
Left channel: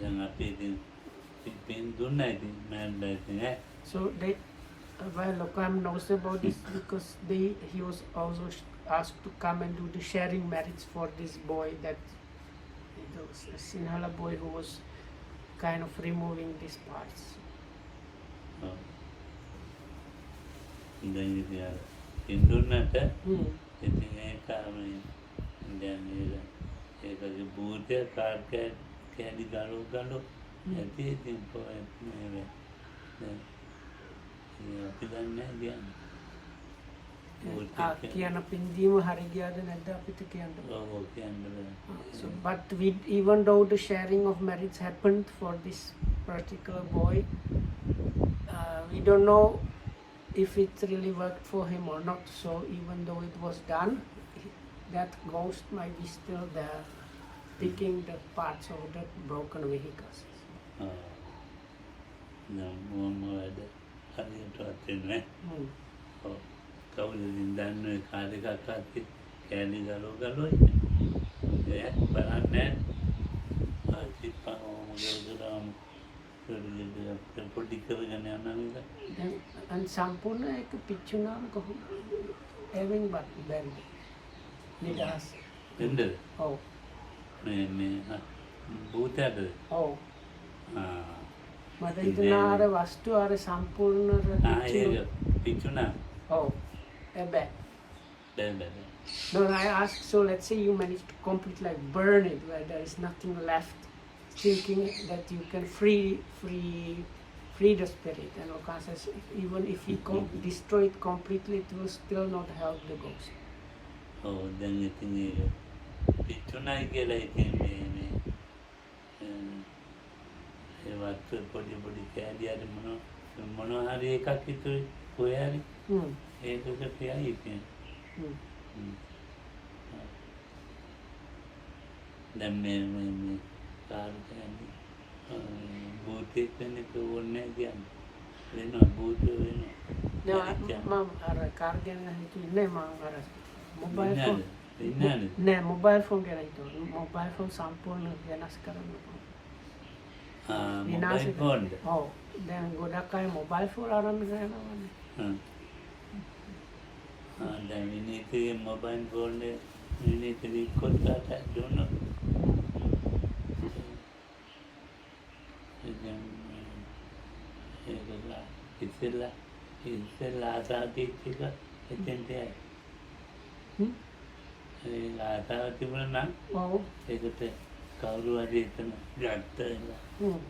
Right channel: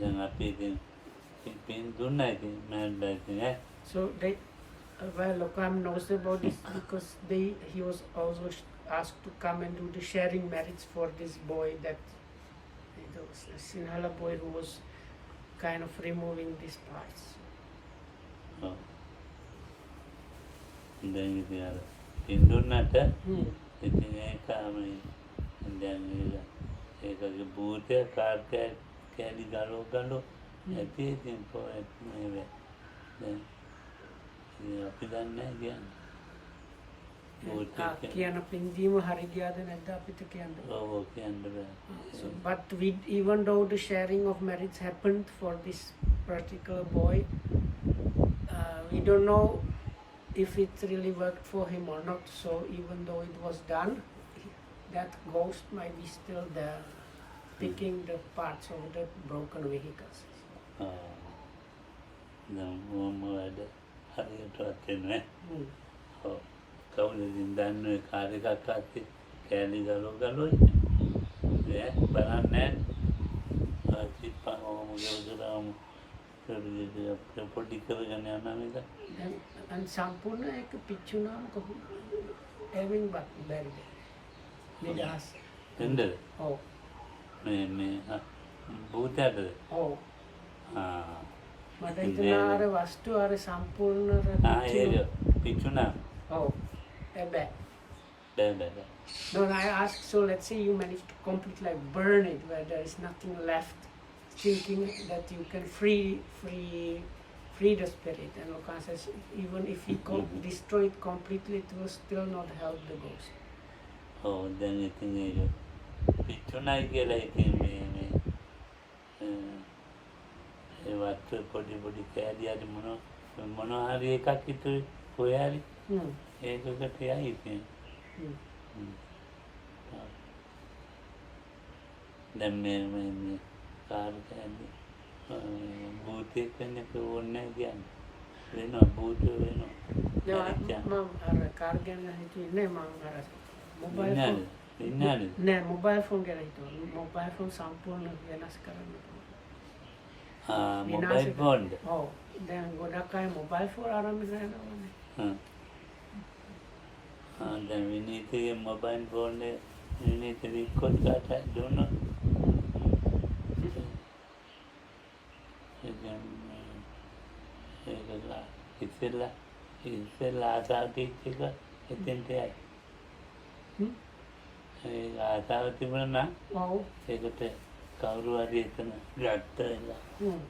දැන් අපි ඉතින් පින් දුන්නා ඉතින් මෑන්ලා ඉතින් ඈ. So they, well, Lokam knows about this because he was also asked to come and do the sharing marriage for this boy, that the Sinhala boy who was kind of removing these parts. ඔව්. දැන් ඉතින් අර පින් දුන්නට ඉතින් ඒක දැන් ඒකගේ භූතය කාර්යය කැලි ගලෝ ඇති ඉතින් පොත් මේ දැන් අපි දන්නේ නැහැ කියන පින්දීම හරි ගියාද නැද්ද අපිට කියන්න බෑ. ඔව් කියන්න බෑ. So, but even though the sharing of marriage happened for this particular boy, we don't know if it really worked for him or not. So even though it was done, that ghost might be still there, picking the parts of the broken vehicles. කවුරුදින් දන්නේ කාර්යයක් අත්ති කැලි glow බලන්නේ ආචි පාවම ගලගලම පොඩි කරගෙන යනවා නේද. And සම්පූර්ණ එක පිච්චුනාම කොහොමද එවෙන් බැරිද නිදහස් වෙන්නද. ඔව් මේ භූතයද. ඔව් මට හිතෙනවා අර වස්තු අර සම්පූර්ණ ඒක පිච්චුනා. Oh, bad. Bad. No, I asked, so let's say you manage to completely like burn it, where there is nothing left, thinking that you can free the spirit. And Okan says, even if you destroy it completely, it will still not help the ghost. Oh, then you think it's tonight, like what body carry mono එකක් කොයාලි ඒකක තියයි කියන්නේ. දැන් මේ කාර්යයන්දී භූතෙක් වෙනක ඕනේ කියන්නේ. වෙනවා භූත වෙනවා. මම අර කාර්යයන් හිතුවේ මම අර මොබයිල් ෆෝන් ඉන්නනේ. නෑ මොබයිල් ෆෝන් කියලා හිතුවා. මොබයිල් ෆෝන් සම්පූර්ණ වෙනස් කරන්න පුළුවන්. Mobile phone. ඔව්. දැන් ගොඩක් අය මොබයිල් ෆෝන් ආරම්භ කරනවානේ. Then we need the mobile phone, we need to record that, I don't know. It's a last out, it's in there. Last out, even now, take a pay. කවුරු හරි එතන ගත්තා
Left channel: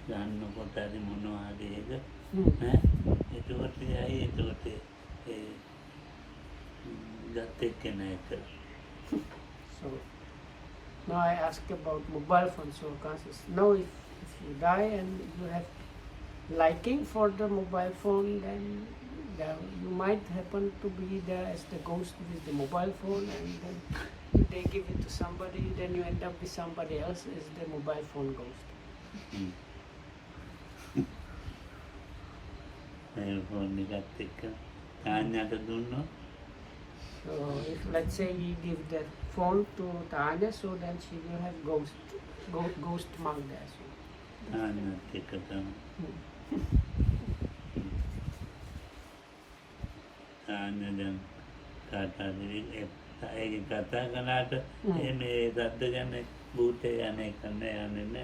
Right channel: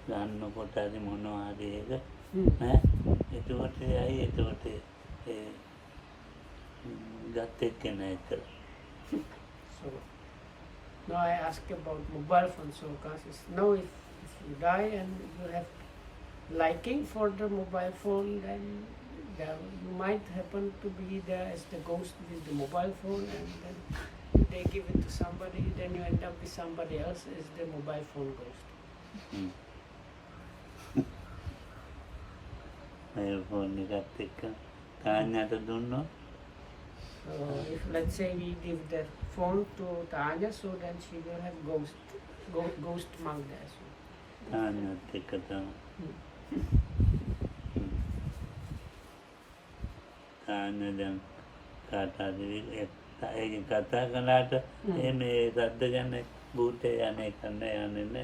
ගන්න කොට හරි මොනවා හරි ඒක ඒකට ඇයි ඒකට ගත්තේ නැහැ. So now I ask about mobile phone. So conscious now if you die and you have liking for the mobile phone, then you might happen to be there as the ghost with the mobile phone, and then they give it to somebody, then you end up with somebody else as the mobile phone ghost. So if let's say we give the phone to Tanya, so then she will have ghost monk there. Tanya then ඒක කතා කළාට එන්නේ සද්ද ගැන භූතය යන්නේ.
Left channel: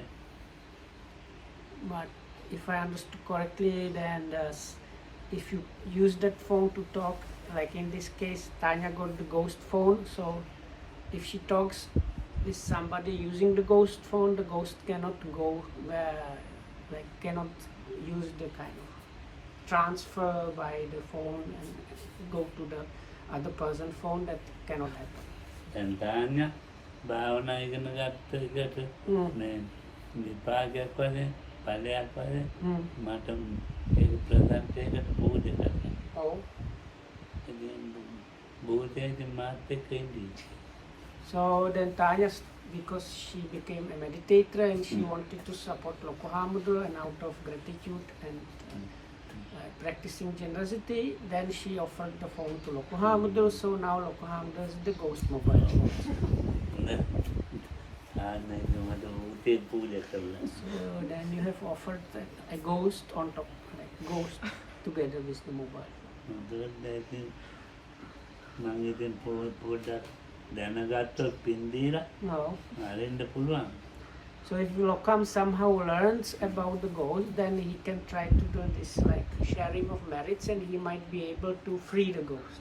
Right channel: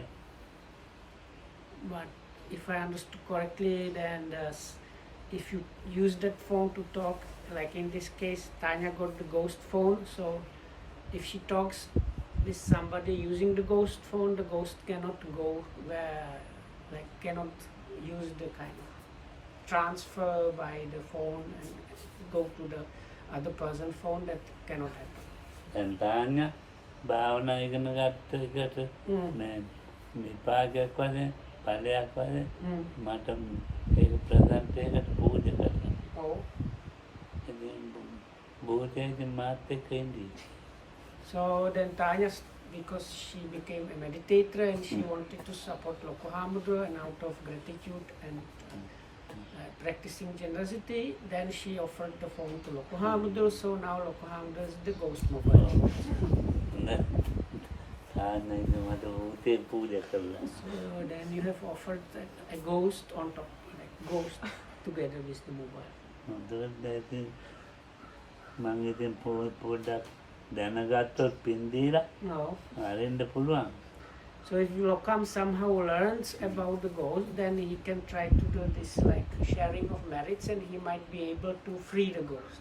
But if I understood correctly, then if you use that phone to talk, like in this case, Tanya got the ghost phone, so if she talks with somebody using the ghost phone, the ghost cannot go where, like cannot use the kind of transfer by the phone and go to the other person phone. That cannot happen. And Tanya, භාවනා ඉගෙන ගත්ත එකට මේ විපාකයක් වශයෙන් ඵලයක් වශයෙන් මට ඒක ප්‍රසන්ටේකට පූජා කරනවා. ඔව්. භූතයෙන් මාත් එක්ක ඉඳී. So then Tanya, because she became a meditator and she wanted to support Lokohamudra, and out of gratitude and practicing generosity, then she offered the phone to Lokohamudra. So now Lokohamudra is the ghost mobile. So then you have offered that a ghost on top, like ghost together with the mobile. No. So if Lokam somehow learns about the ghost, then he can try to do this like sharing of merits, and he might be able to free the ghost.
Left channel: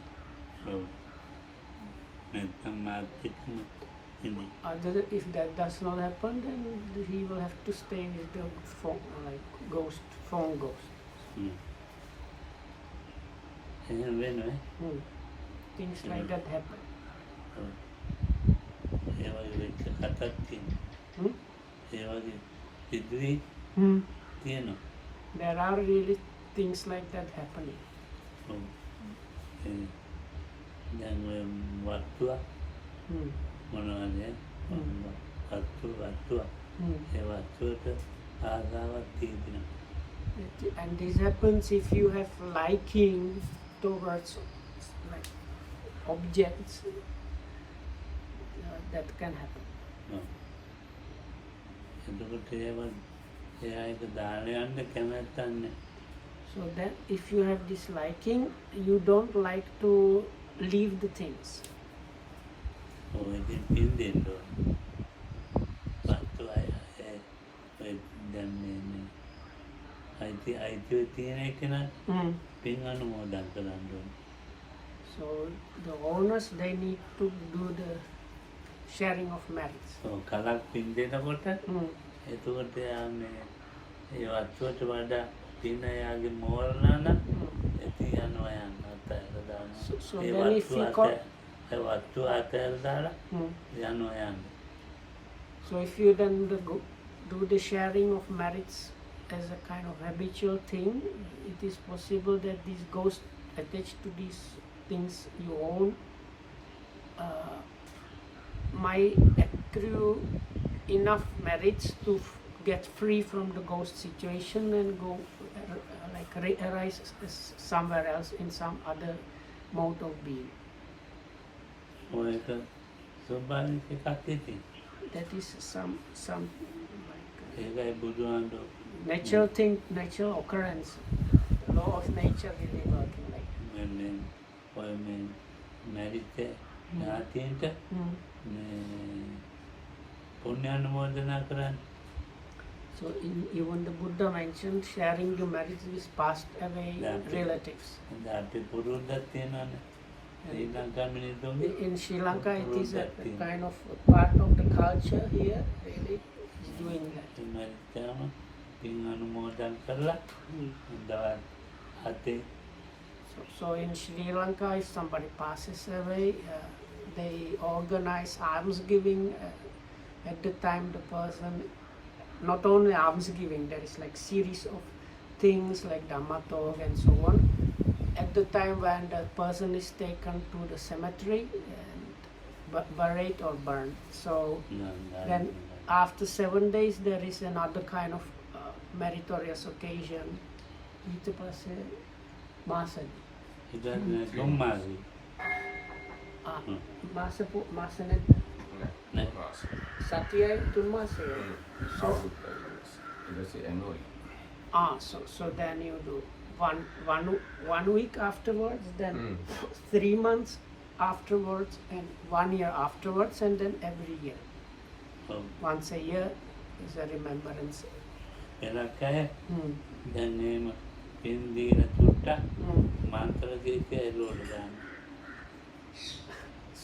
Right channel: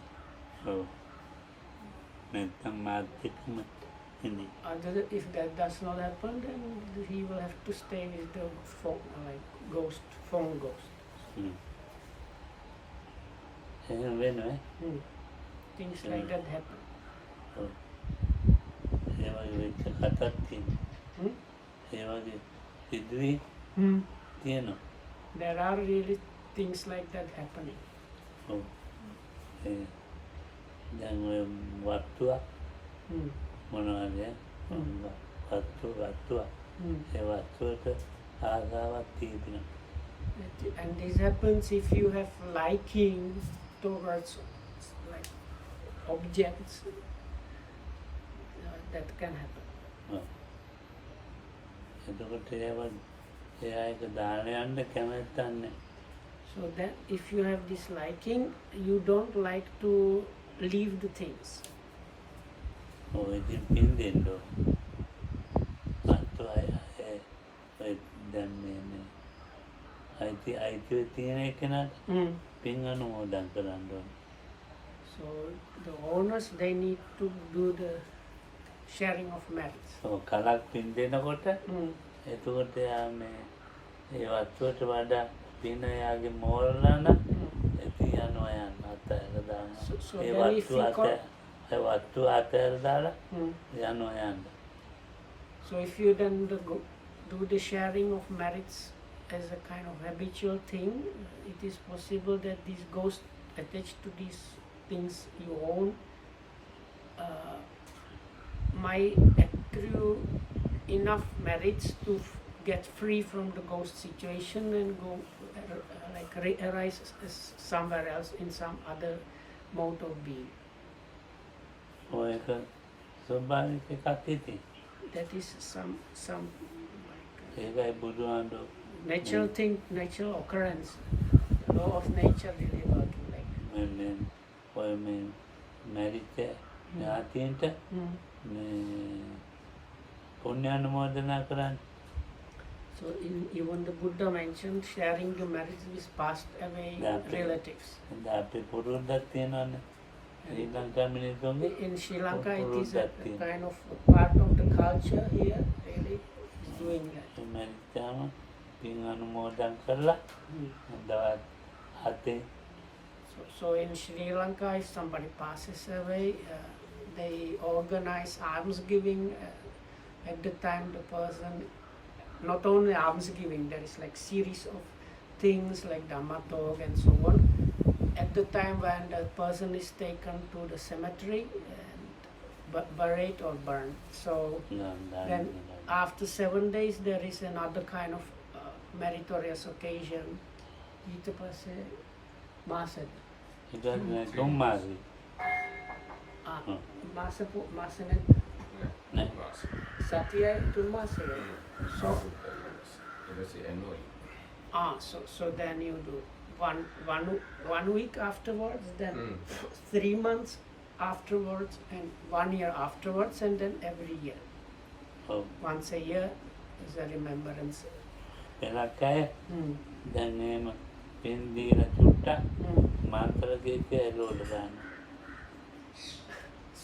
Other, if that does not happen, then he will have to stay with the phone, like ghost, phone ghost. Things like that happen. There are really things like that happening. And this happens if you have liking towards like objects, that can happen. So that if you have this liking, you don't like to leave the things. So the owners, they need to do the sharing of merits. So kalak pin දෙනකොට එතකොට ඒ වස්තුවට වඩා පින යාගේ මෝරලා නම් ඉතින් යනවා යන්න අතහැර දානවා ඒ වස්තු අතහැර දාලා යනවා යන්න. So if you then do the sharing of merits as a kind of habitual thing, it is possible that these ghosts attached to these things you own might accrue enough merits to get free from the ghost situation and go arise somewhere else in some other mode of being. That is some like natural thing, natural occurrence, the law of nature really working like that. So even the Buddha mentioned sharing the merits with passed away relatives. In Sri Lanka, it is a kind of a part of the culture here, really, is doing that. So in Sri Lanka, if somebody passes away, they organize almsgiving. At the time the person, not only almsgiving, there is like series of things like Dhamma talk and so on. At the time when the person is taken to the cemetery and buried or burned. So then after 7 days there is another kind of meritorious occasion. So then you do one week afterwards, then 3 months afterwards, and 1 year afterwards, and then every year. Once a year is a remembrance.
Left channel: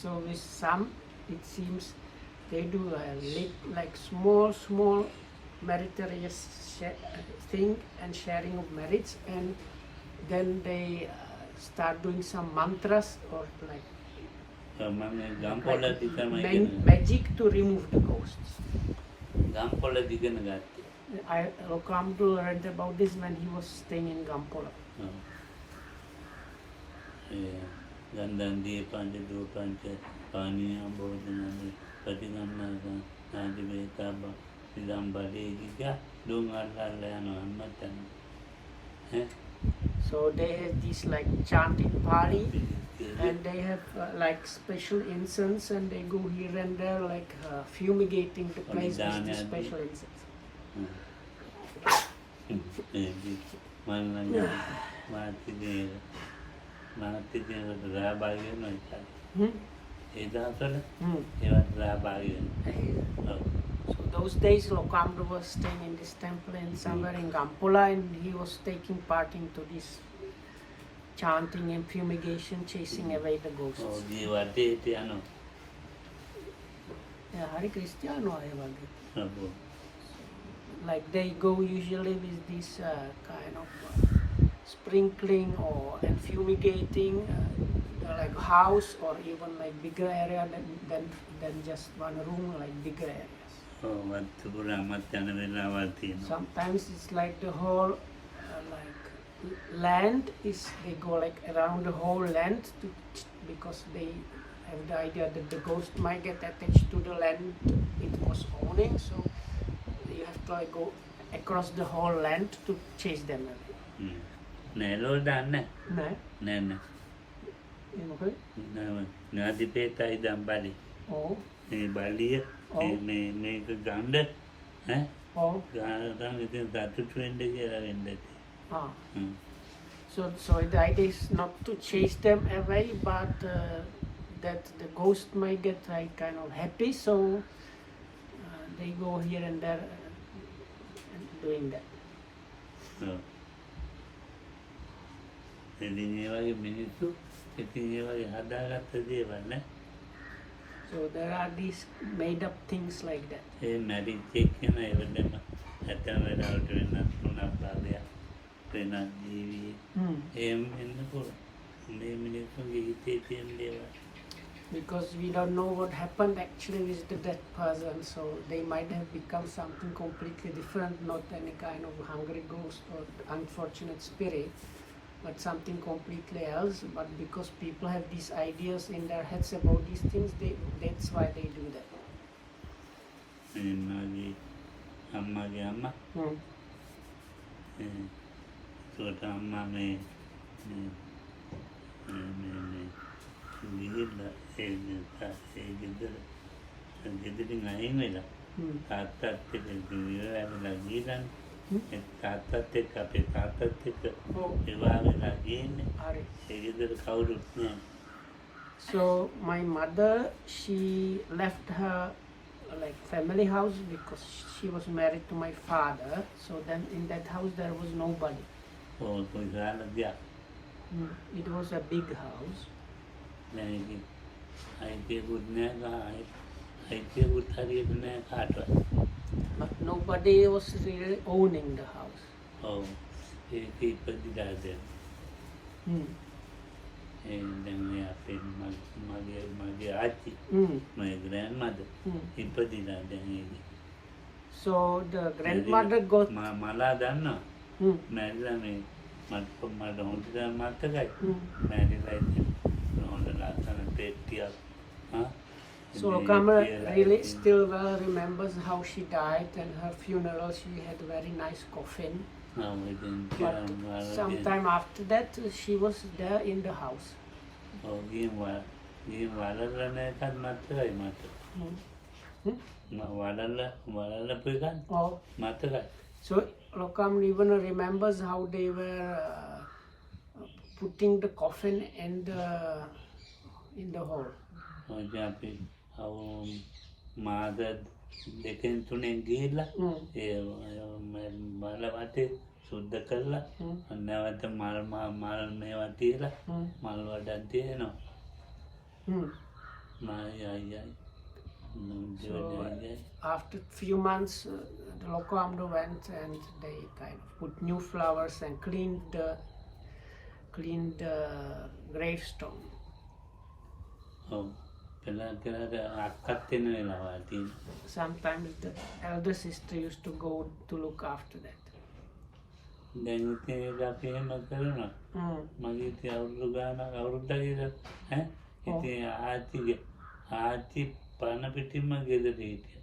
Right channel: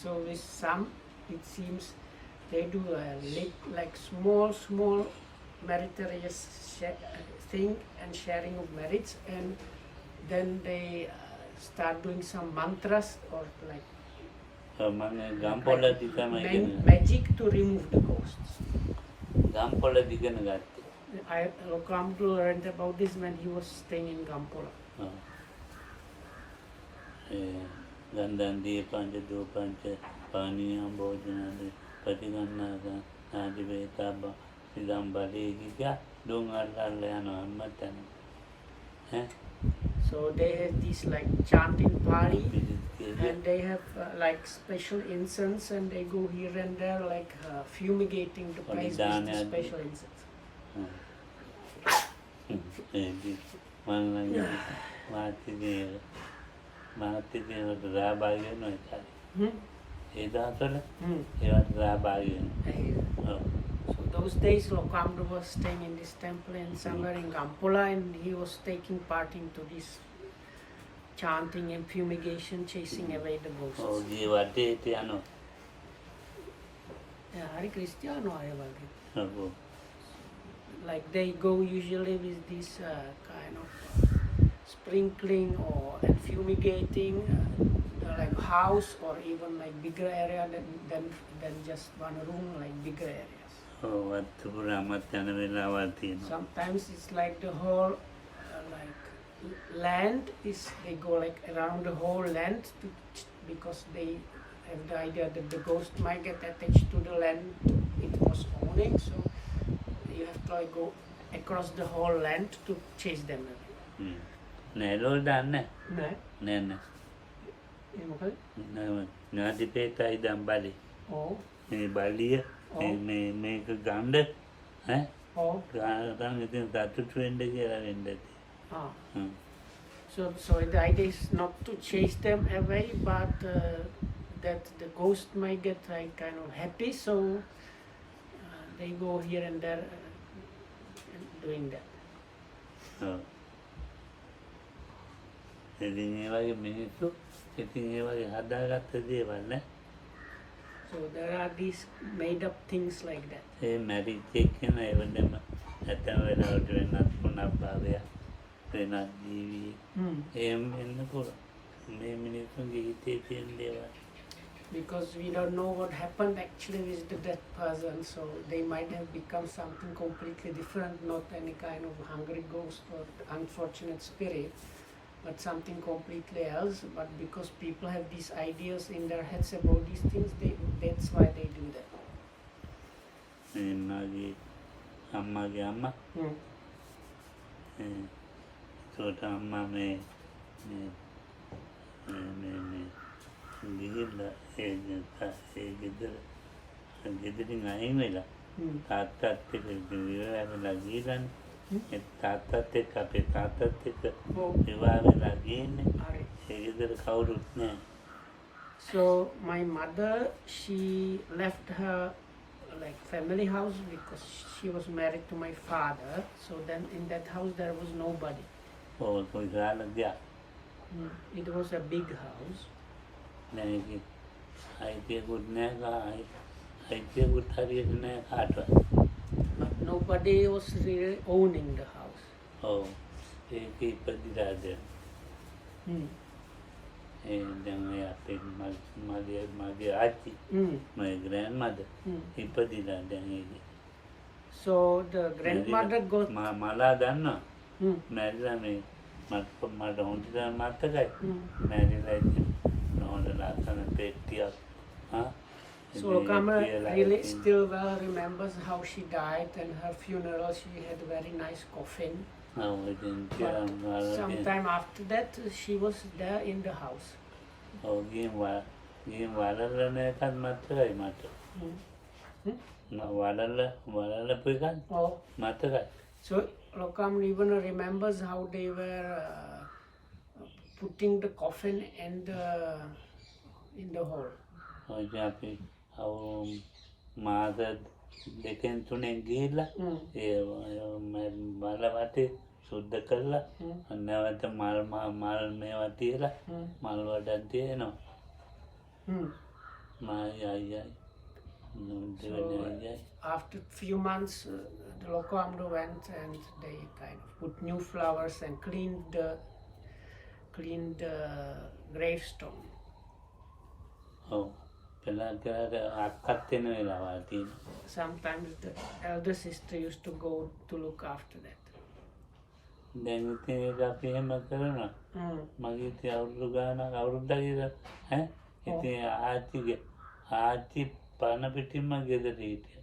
So with some, it seems they do like small meritorious thing and sharing of merits, and then they start doing some mantras or like magic to remove the ghosts. Ramdul learned about this when he was staying in Gampola. So they have this like chanting party, and they have like special incense, and they go here and there like fumigating the place with the special incense. So those days Lokamdu was staying in this temple in somewhere in Gampola, and he was taking part into this chanting and fumigation, chasing away the ghosts. Yeah, Hari Cristiano I wage. Like they go usually with this kind of sprinkling or and fumigating like house, or even like bigger area than just one room, like bigger areas. Sometimes it's like the whole like land is, they go like around the whole land because they have the idea that the ghost might get attached to the land it was owning, so you have to like go across the whole land to chase them away. Oh. So the idea is not to chase them away, but that the ghost might get like kind of happy, so they go here and there doing that. So there are these made up things like that. Because we don't know what happened actually with the dead person, so they might have become something completely different, not any kind of hungry ghost or unfortunate spirit, but something completely else. But because people have these ideas in their heads about these things, that's why they do that. So my mother, she left her like family house because she was married to my father. So then in that house there was nobody. It was a big house. But nobody was really owning the house. My grandmother. So the grandmother got so Lokama really still well remembers how she died, and her funeral she had a very nice coffin. But sometime after that she was there in the house. So Lokam even remembers how they were putting the coffin in the hole. සුද්ධ කරලා නැවත මල් මේවා තියලා මල් වඩන් තියෙනවා after few months the local Amdo went and they kind of put new flowers and cleaned the gravestone. Sometimes the elder sister used to go to look after that. දැන් ඉතින් ඒක අපි එහෙම කරනවා මගේ ඉතින් අවුරුදු ගානක් අවුරුද්දක් ඉතින් ආච්චි පරණ පිටින්ම ගෙදර හිටියා.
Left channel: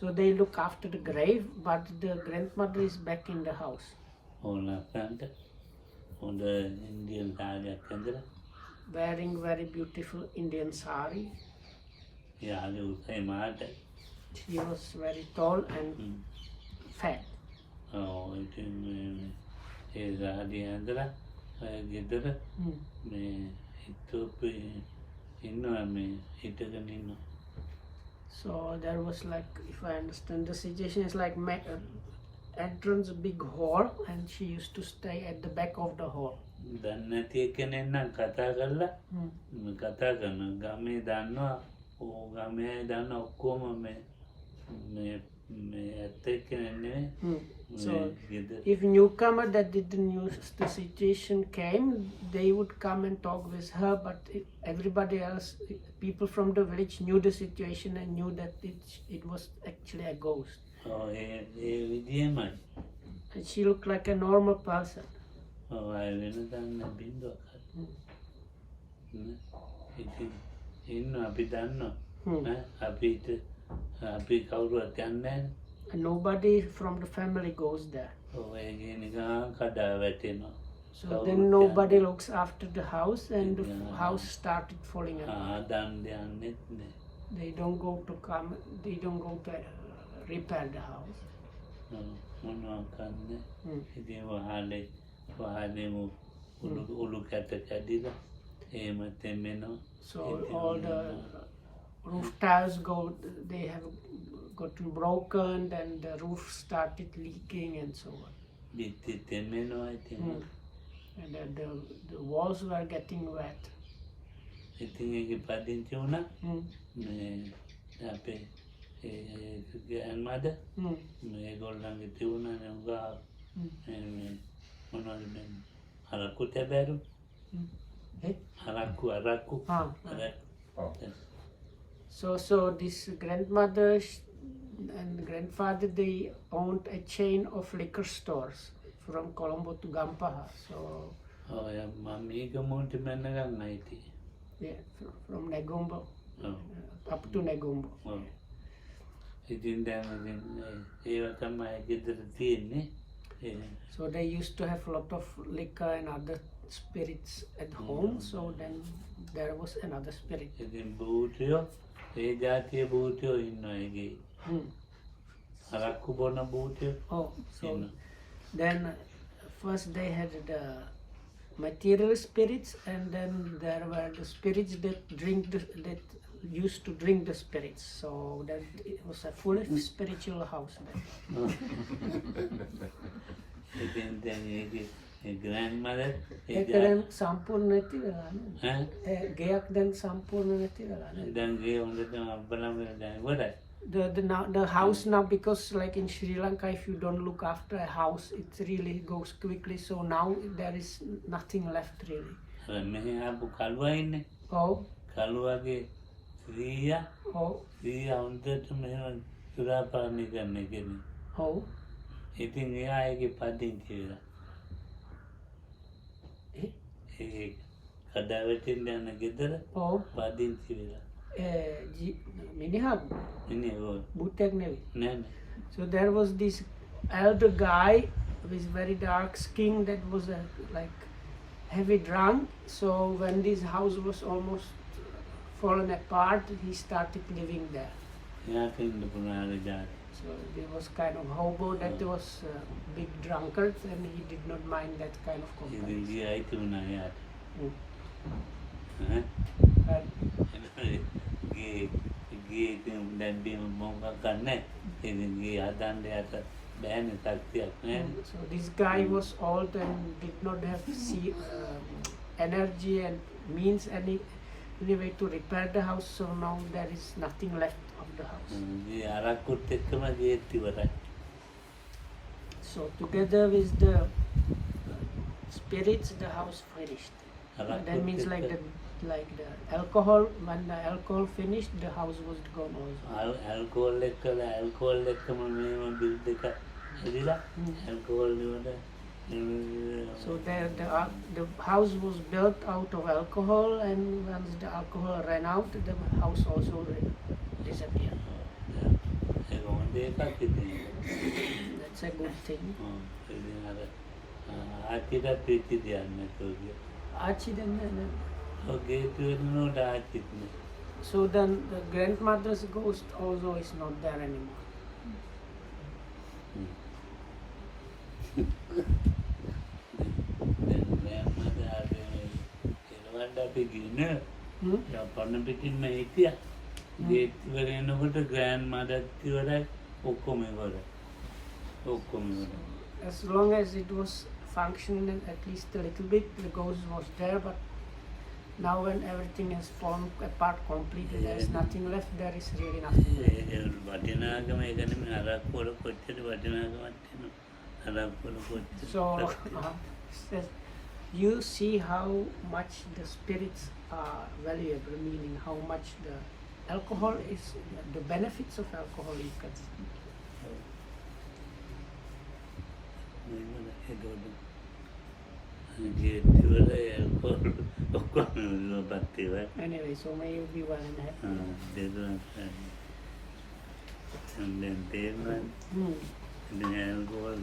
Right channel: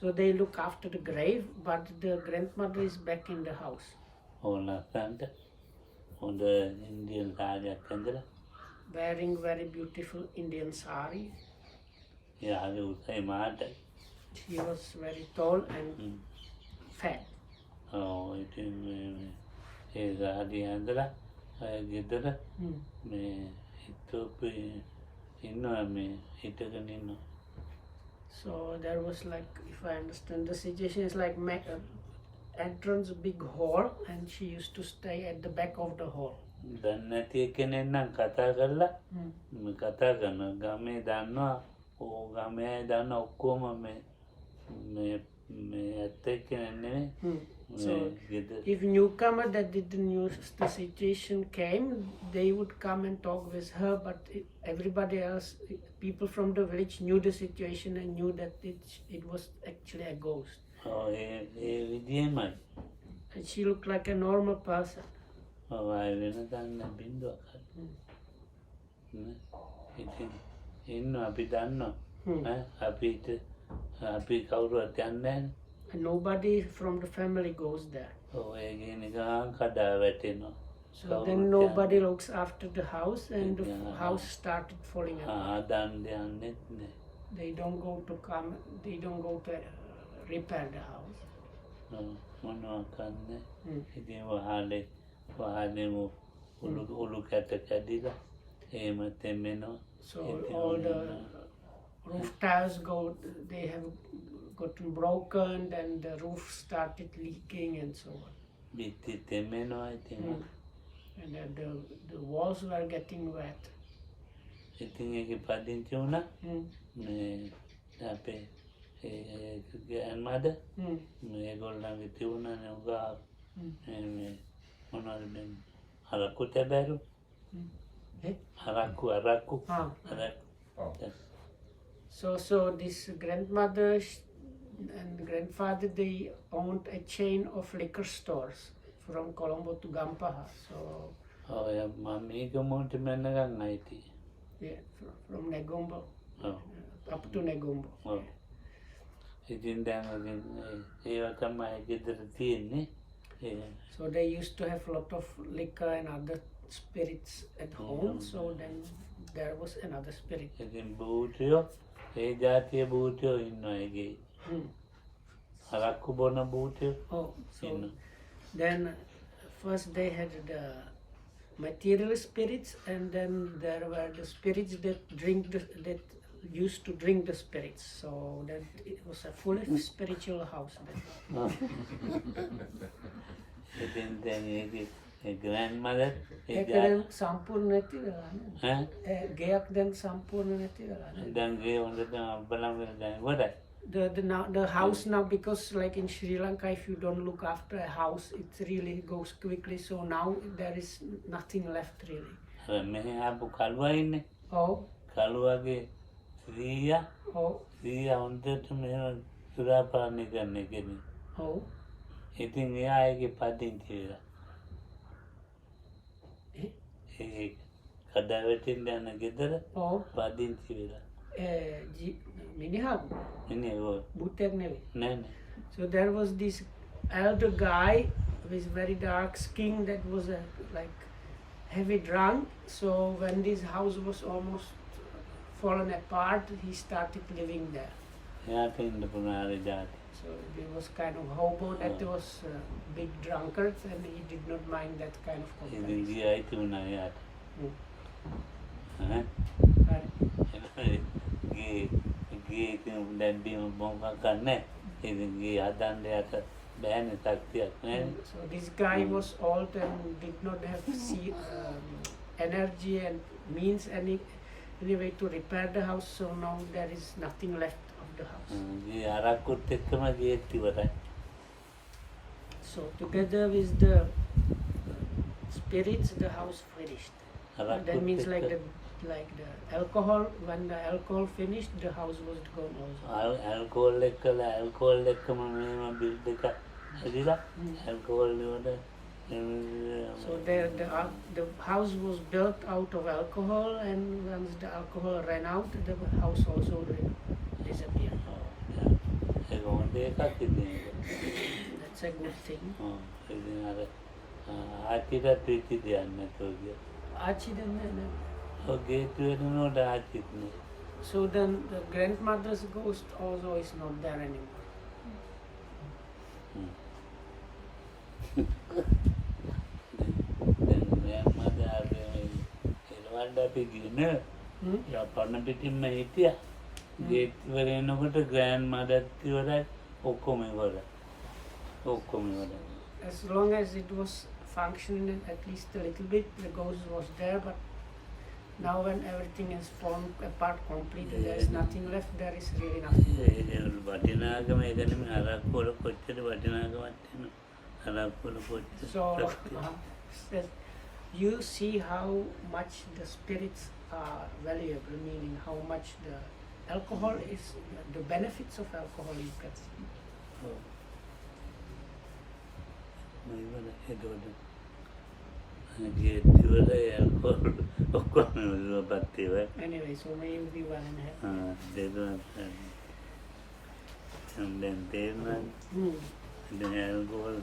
So they look after the grave, but the grandmother is back in the house. ඕ නැත්නම් on the Indian sari Chandra. Wearing very beautiful Indian sari. Yeah, I would say Mata. She was very tall and fat. Oh, it is Adi Andra, Gidra, me, it took me, it took an So there was like, if I understand the situation, is like entrance big hall, and she used to stay at the back of the hall. දන්නැති කෙනෙක් නම් කතා කරලා කතා කරන ගමේ දන්නවා ඕ ගමේ අය දන්න ඔක්කොම මේ ඇත්ත කෙනෙක් නෙවෙයි. So if newcomer that didn't know the situation came, they would come and talk with her, but everybody else, people from the village knew the situation and knew that it was actually a ghost. විදියමයි. And she looked like a normal person. අය වෙන දන්න බින්දුවක් ඉතින් ඉන්න අපි දන්නවා අපි කවුරුවත් යන්නේ And nobody from the family goes there. ඔය නිකන් කඩා වැටෙනවා. So then nobody looks after the house, and the house started falling apart. දන් දෙන්නෙත් නෑ. They don't go to repair the house. මොනවා කන්නේ ඉතින් වහලෙම ඔලු කැට කැඩිලා එහෙම තෙමෙනවා. So all the roof tiles they have gotten broken, and the roof started leaking and so on. බිත්ති තෙමෙනවා ඉතින්. And then the walls were getting wet. ඉතින් ඒක පදිංචි වුණා මේ අපේ grandmother මේගොල්ලන්ගේ තියුණානේ උගා මොනවද මේ හරක්කු තැබෑරු හරක්කු So this grandmother and grandfather, they owned a chain of liquor stores from Colombo to Gampaha. So yeah, from Negombo up to Negombo. ඉතින් දැන් ඒවා තමයි ගෙදර තියෙන්නේ. So they used to have a lot of liquor and other spirits at home. So then there was another spirit. ඉතින් භූතයෝ ඒ ජාතිය භූතයෝ ඉන්නවා ඒකේ. හරක්කු බොන භූතයෝ. Oh, so then first they had the material spirits, and then there were the spirits that used to drink the spirits. So that it was a fully spiritual house then. Then grandmother then සම්පූර්ණ නැති වෙලා නේද? ගෙයක් දැන් සම්පූර්ණ නැති වෙලා නේද? දැන් ගේ හොඳට බලමු දැන් ඉවරයි. The house now, because like in Sri Lanka, if you don't look after a house, it really goes quickly. So now there is nothing left really. මෙහි ආපු කළුවා ඉන්නේ. Oh. කළුවාගේ ස්ත්‍රිය හොඳට මෙහෙම සුරාපානය කරන කෙනෙක්. Oh. ඉතින් එයා ඒකේ පදිංචි වෙලා. ඒ කඩාවැටෙන්න යන ගෙදර පදිංචි වෙලා. මිනිහක් බුත්තෙක් නෙවෙයි. නෑ. So there was this elder guy with very dark skin that was like heavy drunk. So when this house was almost fallen apart, he started living there. එයාට ඉන්න පුනාරේ ජාති. So there was kind of hobo that was big drunkards, and he did not mind that kind of company. ඉතින් ගියා ඉතුරුනා එයාට. ගේ දැන් බීම මොකක් ගන්නෑ. ඉතින් ගේ හදන්න යට බෑනේ ශක්තියක් නෑ. So this guy was old and did not have energy and means any way to repair the house. So now there is nothing left of the house. ගේ අරක්කුත් එක්කම ගේත් ඉවරයි. So together with the spirits, the house finished. That means like the alcohol, when the alcohol finished, the house was gone also. Alcohol එක්කම මේ bill දෙක ඇදිලා alcohol වල. So the house was built out of alcohol, and when the alcohol ran out, the house also disappeared. That's a good thing. ආච්චිටත් වෙච්ච දෙයක් නැතුව ගියා. Archie then. ඔය ගේට්ටුව වෙනකොට ආච්චිත් නෑ. So then the grandmother's ghost also is not there anymore. දැන් grandmother ආවේ මේ එළවන්න අපි දින පරණ පිටින්ම හිටියා. ගේට්ටුව වෙනකොට grandmother ඉවරයි ඔක්කොම ඉවරයි. ඔක්කොම ඉවරයි. As long as it was functioning at least a little bit, the ghost was there, but now when everything has fallen apart completely, there is nothing left, there is really nothing left. ඒ වටිනාකම ඒ කියන්නේ අරක්කු වල කොච්චර වටිනාකමක් තියෙනවද? අරක්කු වල කොච්චර. So you see how much the spirits are valuable, meaning how much the alcohol is, the benefits of alcohol you can see. Anyway, so may you be well and happy. And then alcohol